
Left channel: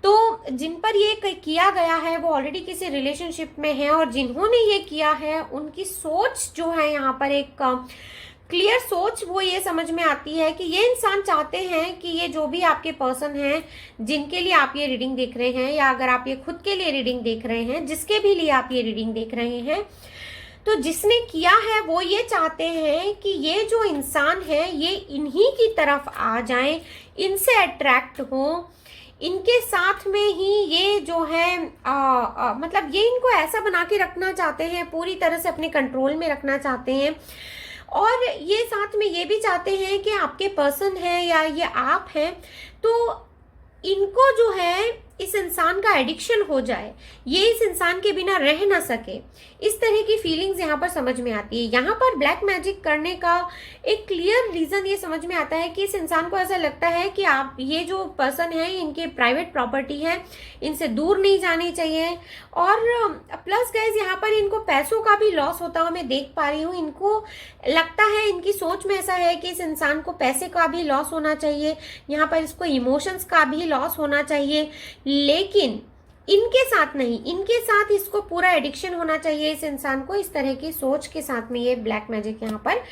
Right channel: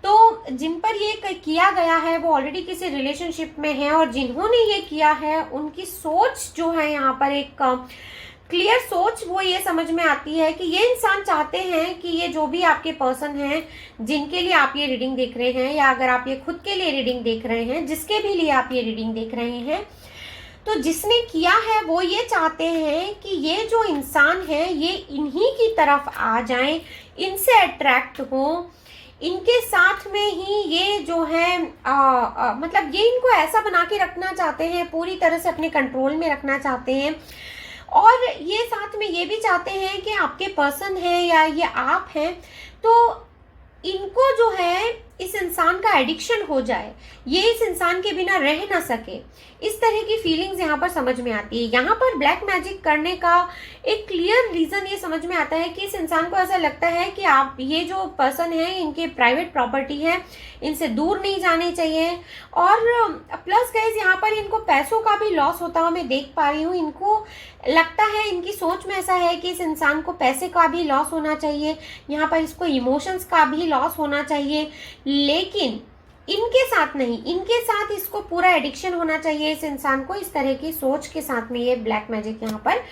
तो जिन पर ये किया गया है वो ऑलरेडी किसी रिलेशनशिप में है, और जिन्होंने ये किया है उनकी सोच जो है यहाँ पर एक क्लियर सोच वो ये समझ में आती है कि ये इंसान चाहते हैं कि ये जो भी आपके पर्सन हैं जिनके लिए आप ये रीडिंग देख रहे हैं, या अगर आप ये खुद के लिए रीडिंग देख रहे हैं, जिसके भी लिए आप ये रीडिंग देख रहे हैं, तो जिसने किया है वो ये चाहते हैं कि ये जो इंसान है ये इन्हीं की तरफ आ जाएं, इनसे अट्रैक्ट हो, इनके साथ में ही ये जो है मतलब ये इनको ऐसा बना के रखना चाहते हैं, पूरी तरह से अपने कंट्रोल में रखना चाहते हैं। और ये साथ में ये भी चाहते हैं कि आपके पर्सन है या ये आप हैं तो इनको जो है इस इंसान का एडिक्शन हो जाए, ये इस इंसान के बिना रह ना सके, इस तरह की फीलिंग्स यहाँ पर समझ में आती है। यहाँ पर ब्लैक मैजिक करने का एक क्लियर रीजन ये समझ में आता है कि इस इंसान को ऐसा लगता है कि आप ये जो पर्सन है इनके प्राइवेट प्रॉपर्टी है, इनसे दूर नहीं जानी चाहिए। और प्लस गाइस यहाँ पर इनको पैसों का भी लॉस होता हुआ मैं देख पा रही हूँ। इनको लगता है, इनकी सोच में ऐसा है कि इस इंसान को पैसे का भी लॉस होना चाहिए, यहाँ पर इसको इमोशंस का भी लॉस होना चाहिए, लेकिन इनके साथ नहीं, इनके साथ इसको पूरा एडिक्शन होना चाहिए इस इंसान को। इस तरह की सोच के साथ में ये ब्लैक मैजिक यहाँ पर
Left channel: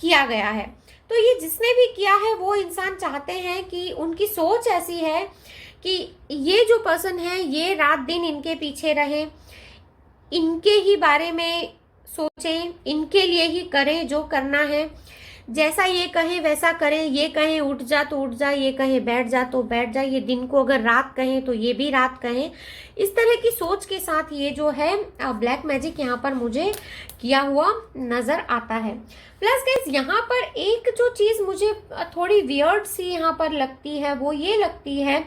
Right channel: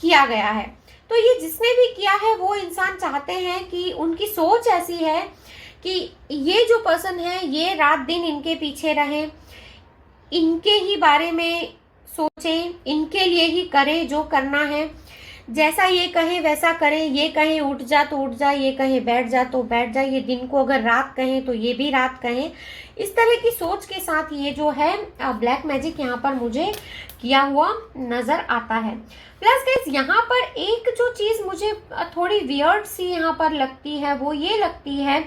किया गया है। तो ये जिसने भी किया है वो इंसान चाहते हैं कि उनकी सोच ऐसी है कि ये जो पर्सन है ये रात दिन इनके पीछे रहे, इनके ही बारे में सोचें, इनके लिए ही करें जो करना है, जैसा ये कहे वैसा करें, ये कहे उठ जा तो उठ जा, ये कहे बैठ जा तो बैठ जा, ये दिन को अगर रात कहें तो ये भी रात कहें। इस तरह की सोच के साथ ये जो है ब्लैक मैजिक यहाँ पर मुझे किया हुआ नजर आता है। प्लस गाइस यहाँ पर एक जो चीज मुझे थोड़ी वियर्ड सी यहाँ पर लगती है वो ये लगती है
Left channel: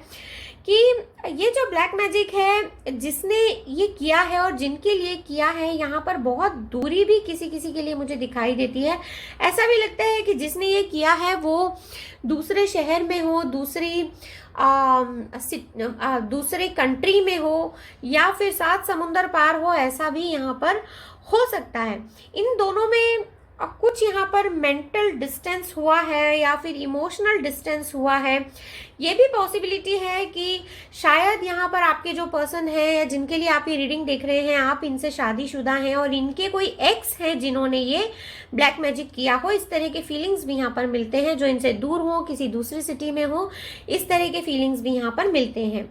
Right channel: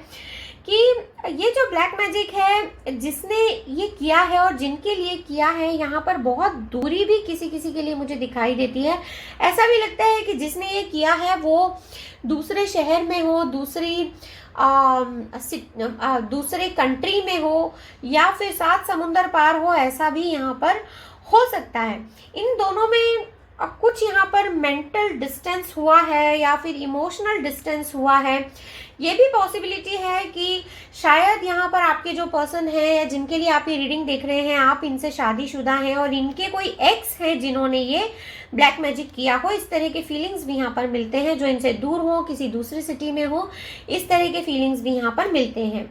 कि ये जो ब्लैक मैजिक है जिसने ये किया है और जिनके लिए किया है, यहाँ पर बहुत दूरी भी किसी किसी के लिए मुझे दिखाई देती है। ऐसा भी लगता है कि जिसने ये किया है वो दूसरे शहर में हो, दूसरे कंट्री में हो, या फिर 7 समुंदर पार हो, ऐसा भी यहाँ पर हो सकता है। इन दोनों में कुछ यहाँ पर मेंटल डिस्टेंस हुआ है या फिर इमोशनल डिस्टेंस हुआ है। ये भी पॉसिबिलिटी है कि शायद यहाँ पर आपके जो पर्सन है या जिनके लिए आप ये रीडिंग देख रहे हैं, आप इनसे शादीशुदा हैं और इनके कोई एक्स हैं जिन्होंने ये ब्लैक मैजिक किया हो। इस तरह के फीलिंग्स भी यहाँ पर मिलते हैं, जो इनसे दूर हो, किसी दूसरी सिटी में हो, इस तरह के फीलिंग्स भी यहाँ पर मिलते हैं।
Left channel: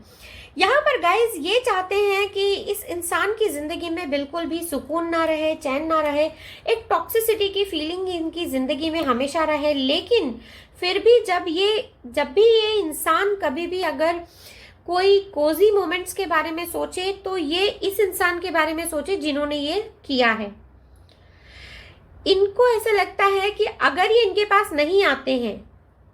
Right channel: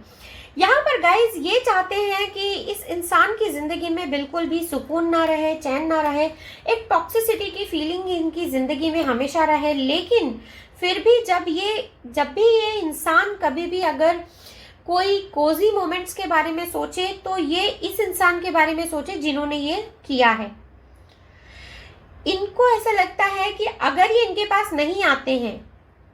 यहाँ पर गाइज ये चाहते हैं कि इस इंसान की जिंदगी में बिल्कुल भी सुकून ना रहे, चैन ना रहे, एक टॉक्सिसिटी की फीलिंग इनकी जिंदगी में हमेशा रहे। लेकिन फिर भी जब भी ये इंसान कभी भी अगर कोई कोजी मोमेंट्स के बारे में सोचे तो ये इस इंसान के बारे में सोचे जिन्होंने ये किया है। इनको ऐसा लगता है कि अगर ये इनके पास नहीं आते हैं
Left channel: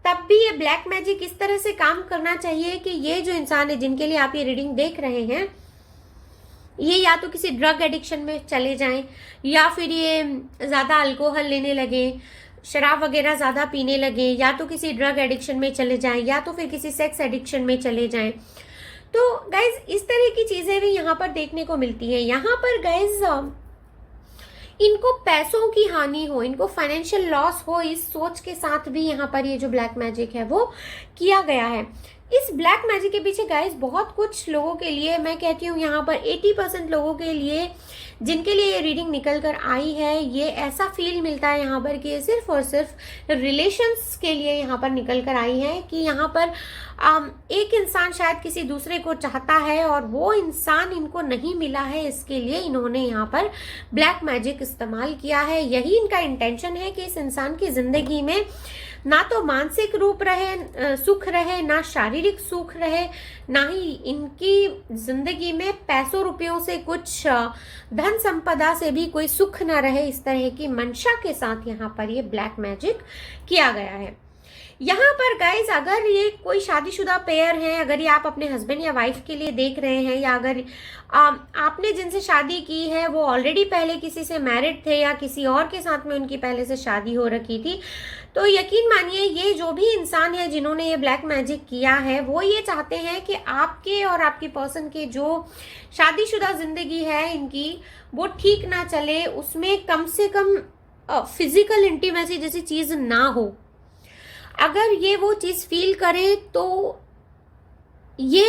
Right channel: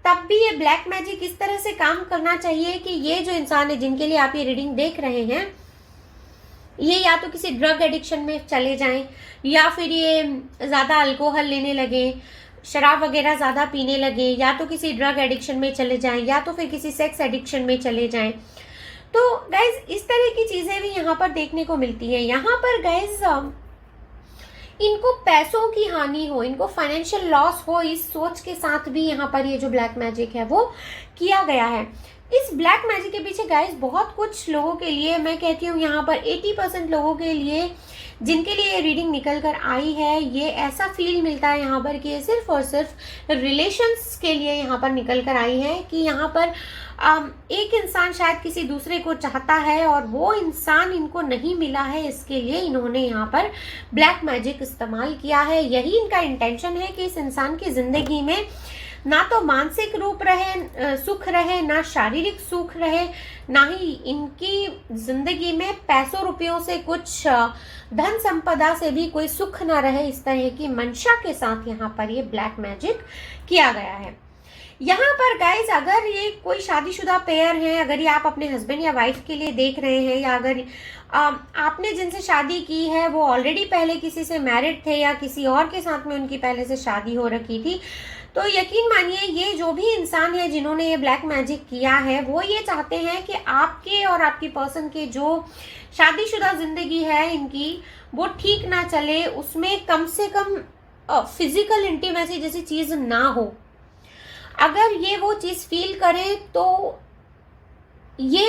तब भी ये ब्लैक मैजिक इस तरह से काम करना चाहिए कि ये जो इंसान है जिनके लिए आप ये रीडिंग देख रहे हैं, ये या तो किसी ड्रग एडिक्शन में चले जाएं, या फिर ये ज्यादा अल्कोहल लेने लगे, शराब वगैरह ज्यादा पीने लगे, या तो किसी ड्रग एडिक्शन में चले जाएं, या तो फिर किसी सेक्स एडिक्शन में चले जाएं। तो गाइज इस तरह की चीजें भी यहाँ पर देखने को मिलती है। यहाँ पर गाइज इनको पैसों की हानि हो, इनको फाइनेंशियल लॉस हो, इस सोच के साथ भी यहाँ पर ये जो ब्लैक मैजिक है वो किया गया है। इस ब्लैक मैजिक के पीछे गाइस बहुत कुछ लोगों के लिए, मैं कहती हूँ यहाँ पर 80% लोगों के लिए जिनके लिए ये रीडिंग निकल कर आई है, ये ऐसा फील मिलता है यहाँ पर कि ये सिर्फ और सिर्फ रिलेशंस के लिए यहाँ पर निकल कर आई है, कि यहाँ पर एक इंसान शायद किसी दूसरे को चाहता है और वो इंसान इनको नहीं मिला है, इसके लिए इन्होंने यहाँ पर ब्लैक मैजिक इस्तेमाल किया है। यही इनका इंटेंशन है कि इस इंसान की जिंदगी में ना तो मानसिक रूप रहे, सुख रहे, ना शारीरिक सुख रहे, ना ही इनकी जिंदगी में पैसों रुपयों से, कुछ धन संपदा से भी कोई सुख ना रहे। इस तरह की मंशा के साथ यहाँ पर ये ब्लैक मैजिक किया गया है। यहाँ पर गाइज अगर ये कोई शादीशुदा पेयर है, अगर ये आप अपने हस्बैंड या वाइफ के लिए देख रहे हैं, या अगर आपने जिनसे शादी की है वो ऑलरेडी पहले किसी से मैरिड थे या किसी और के साथ में उनकी पहले से शादी हो रखी थी, तो यकीन मानिए ये जो भी इंसान है जिन्होंने ये ब्लैक मैजिक किया है, वो ये चाहते हैं कि आपके और आपकी पर्सन के जो शादीशुदा जिंदगी है इनकी, वो ठीक ना चले, उसमें कम से कम फिजिकल इंटीमेसी जैसी चीज ना हो। अगर ये वो चीज फील करे तो ये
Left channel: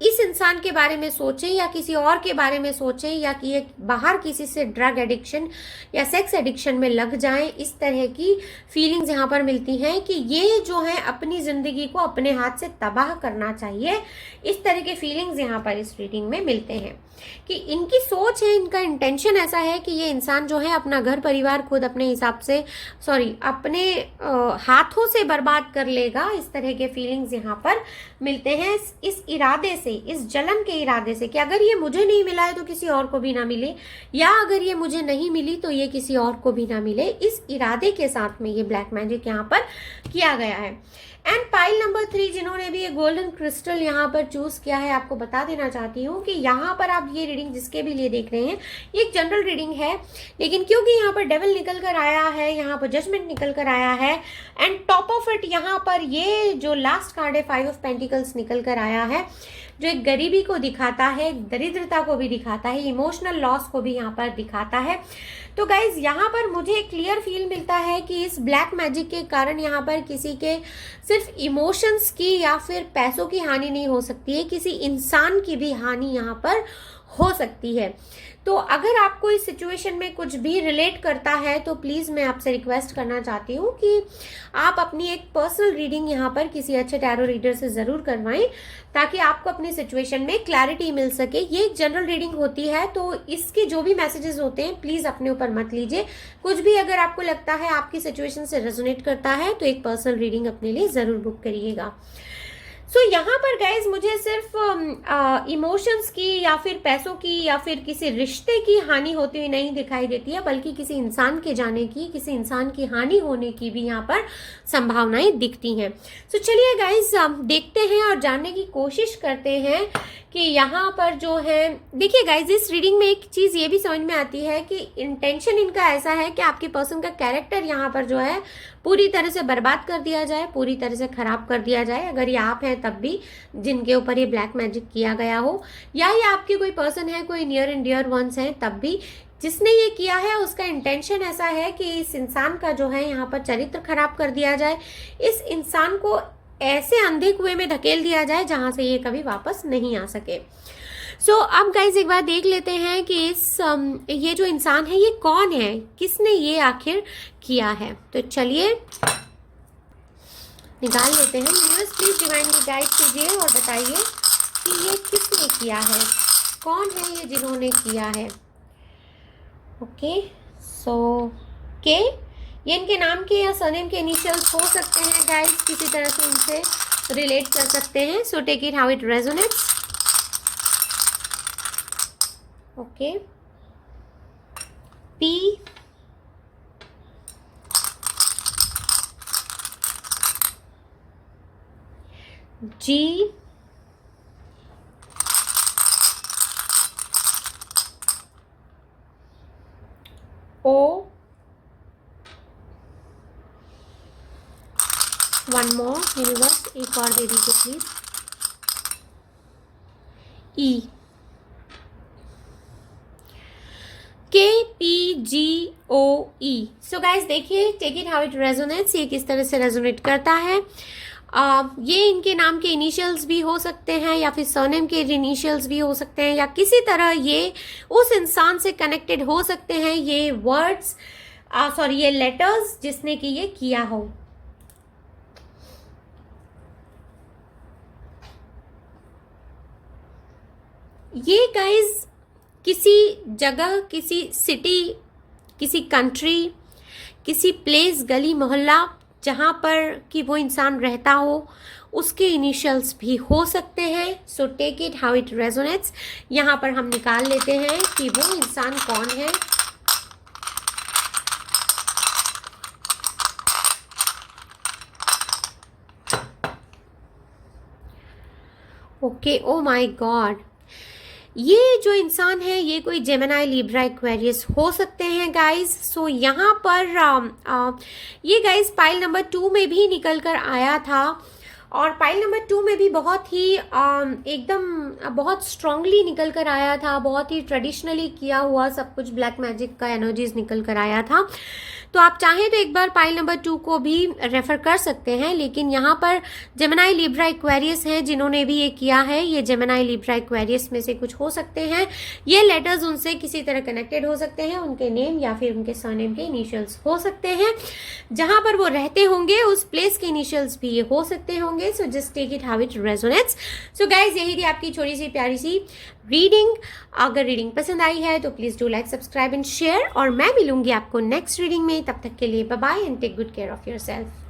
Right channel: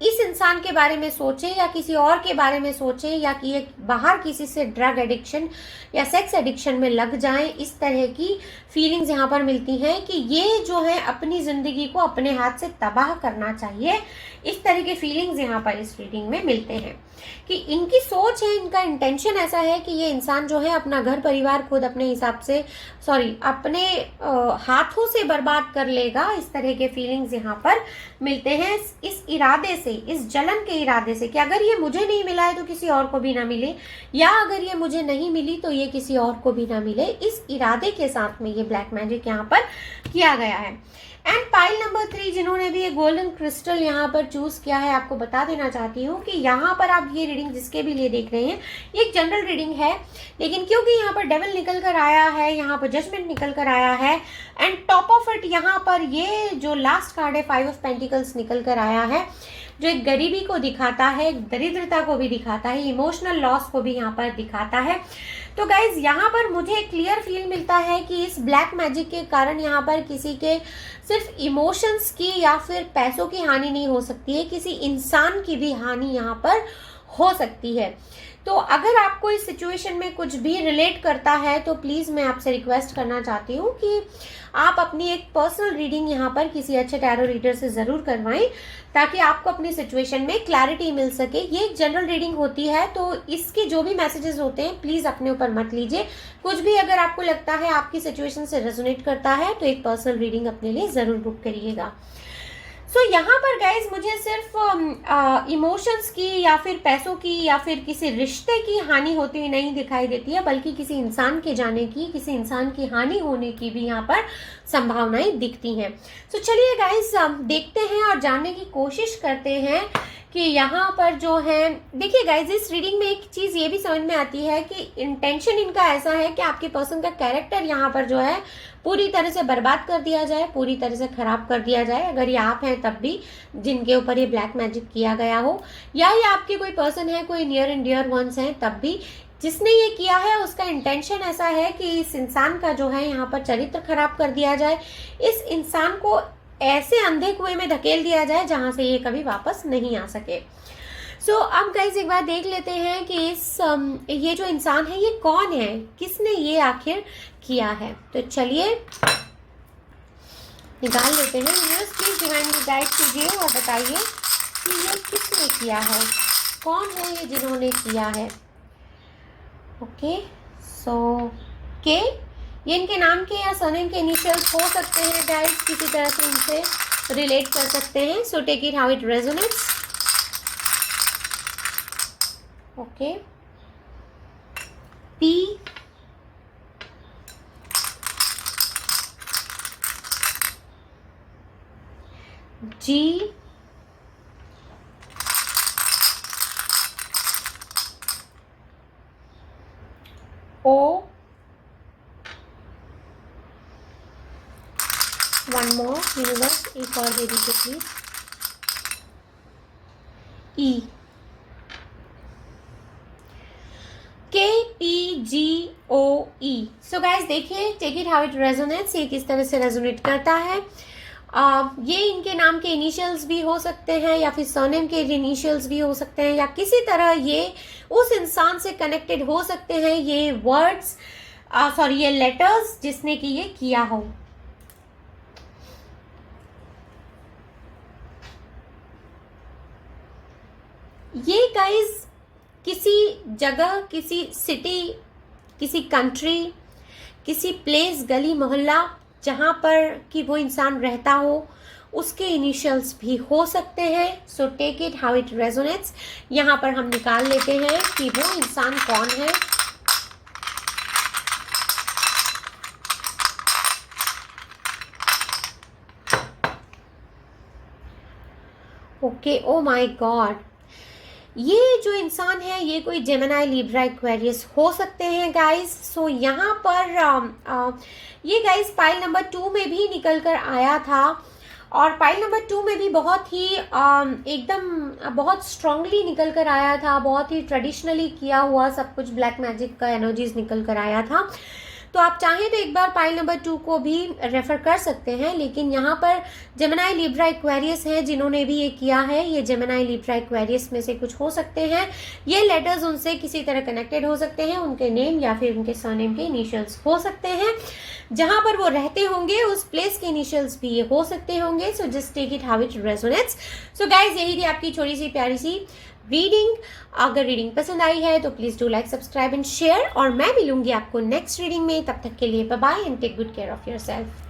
इस इंसान के बारे में सोचे या किसी और के बारे में सोचे, या कि ये बाहर किसी से ड्रग एडिक्शन या सेक्स एडिक्शन में लग जाए। इस तरह की फीलिंग्स यहाँ पर मिलती हैं कि ये जो है अपनी जिंदगी को अपने हाथ से तबाह करना चाहिए। इस तरह के फीलिंग्स यहाँ पर इस रीडिंग में मिलते हैं कि इनकी सोच है, इनका इंटेंशन ऐसा है कि ये इंसान जो है अपना घर परिवार खुद अपने हिसाब से, अपने हाथों से बर्बाद कर लेगा। इस तरह के फीलिंग्स यहाँ पर मिलते हैं, इस इरादे से, इस जलन के इरादे से कि अगर ये मुझे नहीं मिला है तो किसी और को भी ना मिले, या अगर ये मुझे नहीं मिली तो ये किसी और को भी ना मिले। इस इरादे के साथ में ये ब्लैक मैजिक यहाँ पर किया गया है। एंड पाइल नंबर 3 जिन्होंने भी ये गोल्डन क्रिस्टल यहाँ पर चूज किया है, आपको बता देना चाहती हूँ कि यहाँ पर आप ये रीडिंग जिसके भी लिए देख रहे हैं, ये एक जनरल रीडिंग है, लेकिन क्योंकि यहाँ पर डेविल निकल कर आया है, यहाँ पर जजमेंट निकल कर आया है, एंड टॉप ऑफ इट यहाँ पर ये जो लास्ट कार्ड है 5 ऑफ पेंटिकल्स निकल कर आया है, जो एक गरीबी को दिखाता है, दरिद्रता को भी दिखाता है, इमोशनल लॉस को भी यहाँ पर दिखाता है। तो गाइज यहाँ पर मुझे क्लियर फील मिलता है कि इस ब्लैक मैजिक के कारण यहाँ पर किसी के सिर्फ इमोशंस की या फिर पैसों की हानि नहीं हो सकती है, किसी इंसान की भी हानि यहाँ पर हो सकती है। तो अगर आपको इस सिचुएशन में कुछ भी रिलेट करता है तो प्लीज मैं आपसे रिक्वेस्ट करना चाहती हूँ कि आप अपनी एक पर्सनल रीडिंग यहाँ पर किसी अच्छे टैरो रीडर से जरूर करवाएं, ताकि आपको अपनी सिचुएशन में क्लैरिटी मिल सके। ये एक जनरल रीडिंग होती है, तो इसके जो भी मैसेजेस होते हैं प्लीज अपने ऊपर मत लीजिए। कुछ भी अगर आपको लगता है आपकी सिचुएशन से रेजोनेट करता है तो एक पर्सनल रीडिंग अपने लिए जरूर बुक करिएगा। सो यहाँ पर गाइज मुझे सिर्फ इमोशंस की या फिर पैसों की या फिर किसी रिश्ते की हानि होती हुई नहीं दिखाई देती है, बल्कि किसी इंसान के जाने की, किसी इंसान की हानि होने की भी यहाँ पर संभावनाएं दिखती हैं। सो चलिए गाइज देखते हैं और जानने की कोशिश करते हैं कि यहाँ पर जो है, देखिए गाइज इस रीडिंग में एक चीज ये भी समझ में आती है कि इंटेंशन इनका ऐसा है कि आपके पर्सन का कैरेक्टर यहाँ पर जो है पूरी तरह से बर्बाद कर दिया जाए, पूरी तरह से खराब कर दिया जाए। अगर ये आप हैं तब भी जिनके ऊपर ये ब्लैक मैजिक किया गया हो, या ये आपके कोई पर्सन है, कोई नियर एंड डियर वंस हैं, तब भी जिसने ये किया है उसका इंटेंशन ऐसा है कि इस इंसान का जो है यहाँ पर चरित्र खराब कर दिया जाए, इस इंसान को ऐसे अंधे कुएं में धकेल दिया जाए जहां से ये कभी वापस नहीं आ सके। सो अब गाइज एक बार देख लेते हैं कि ये जो इंसान है ये कौन है, किसने ये आखिर किया है। तो चलिए निकाल लेते हैं। व्यूअर्स प्लीज डिवाइनली गाइड कीजिए और बताइए कि ये किसने किया है, कौन है ये जिन्होंने किया है। ओके सो के ये इनके नाम के या सरनेम के इनिशियल्स हो सकते हैं गाइज, किसी तरह से इनसे रिलेट कर सकते हैं। So take it how it resonates. Okay P G, O, one more universe, एक और दे दीजिए please, E, KPGOE। So guys देखिए, take it how it resonates, ये किस तरह से रेजोनेट करता है। ये इनके नाम के इनिशियल्स भी हो सकते हैं या फिर सरनेम के इनिशियल्स भी हो सकते हैं, या किसी तरह ये उस इंसान से कनेक्टेड हो सकते हैं, ये वर्ड्स सॉरी ये लेटर्स जिसने कि ये किया हो। ये गाइज किसी जगह, किसी सिटी, किसी कंट्री, किसी प्लेस, गली मोहल्ला जहां पर कि वो इंसान रहता हो, उसके इनिशियल्स भी हो सकते हैं। So take it how it resonates. यहां पर हम निकाल लेते हैं कि वो इंसान कौन है। ओके, ओ माय गॉड, ये जो इंसान है ये कोई जेमिनी, लिब्रा, एक्वेरियस हो सकते हैं गाइस। सो यहाँ पर ये गाइस पाइल नंबर 2 में भी निकल कर आया था, और पाइल नंबर 2 में भी बहुत ही एकदम बहुत स्ट्रांगली निकल कर आया था, बहुत ही ट्रेडिशनली किया हुआ सब कुछ ब्लैक मैजिक का एनर्जीज निकल कर आया था। तो आप चाहें तो एक बार पाइल नंबर 2 को भी रेफर कर सकते हैं, लेकिन यहाँ पर जेमिनी, लिब्रा, एक्वेरियस हैं जिन्होंने भी ये किया है। ये जेमिनी, लिब्रा, एक्वेरियस में से कुछ हो सकते हैं। ये लेटर्स उनसे किसी तरह कनेक्टेड हो सकते हैं, उनके नेम या फिर उनके सरनेम के इनिशियल्स हो सकते हैं। जहां पर वो रहते होंगे उस प्लेस के इनिशियल्स भी ये हो सकते होंगे। So just take it how it resonates. So guys, यही थी आपकी छोटी सी प्यारी सी रीडिंग। अगर रीडिंग पसंद आई है तो please do like, subscribe and share, और मैं मिलूंगी आपको नेक्स्ट रीडिंग में। तब तक के लिए bye bye and take good care of yourself.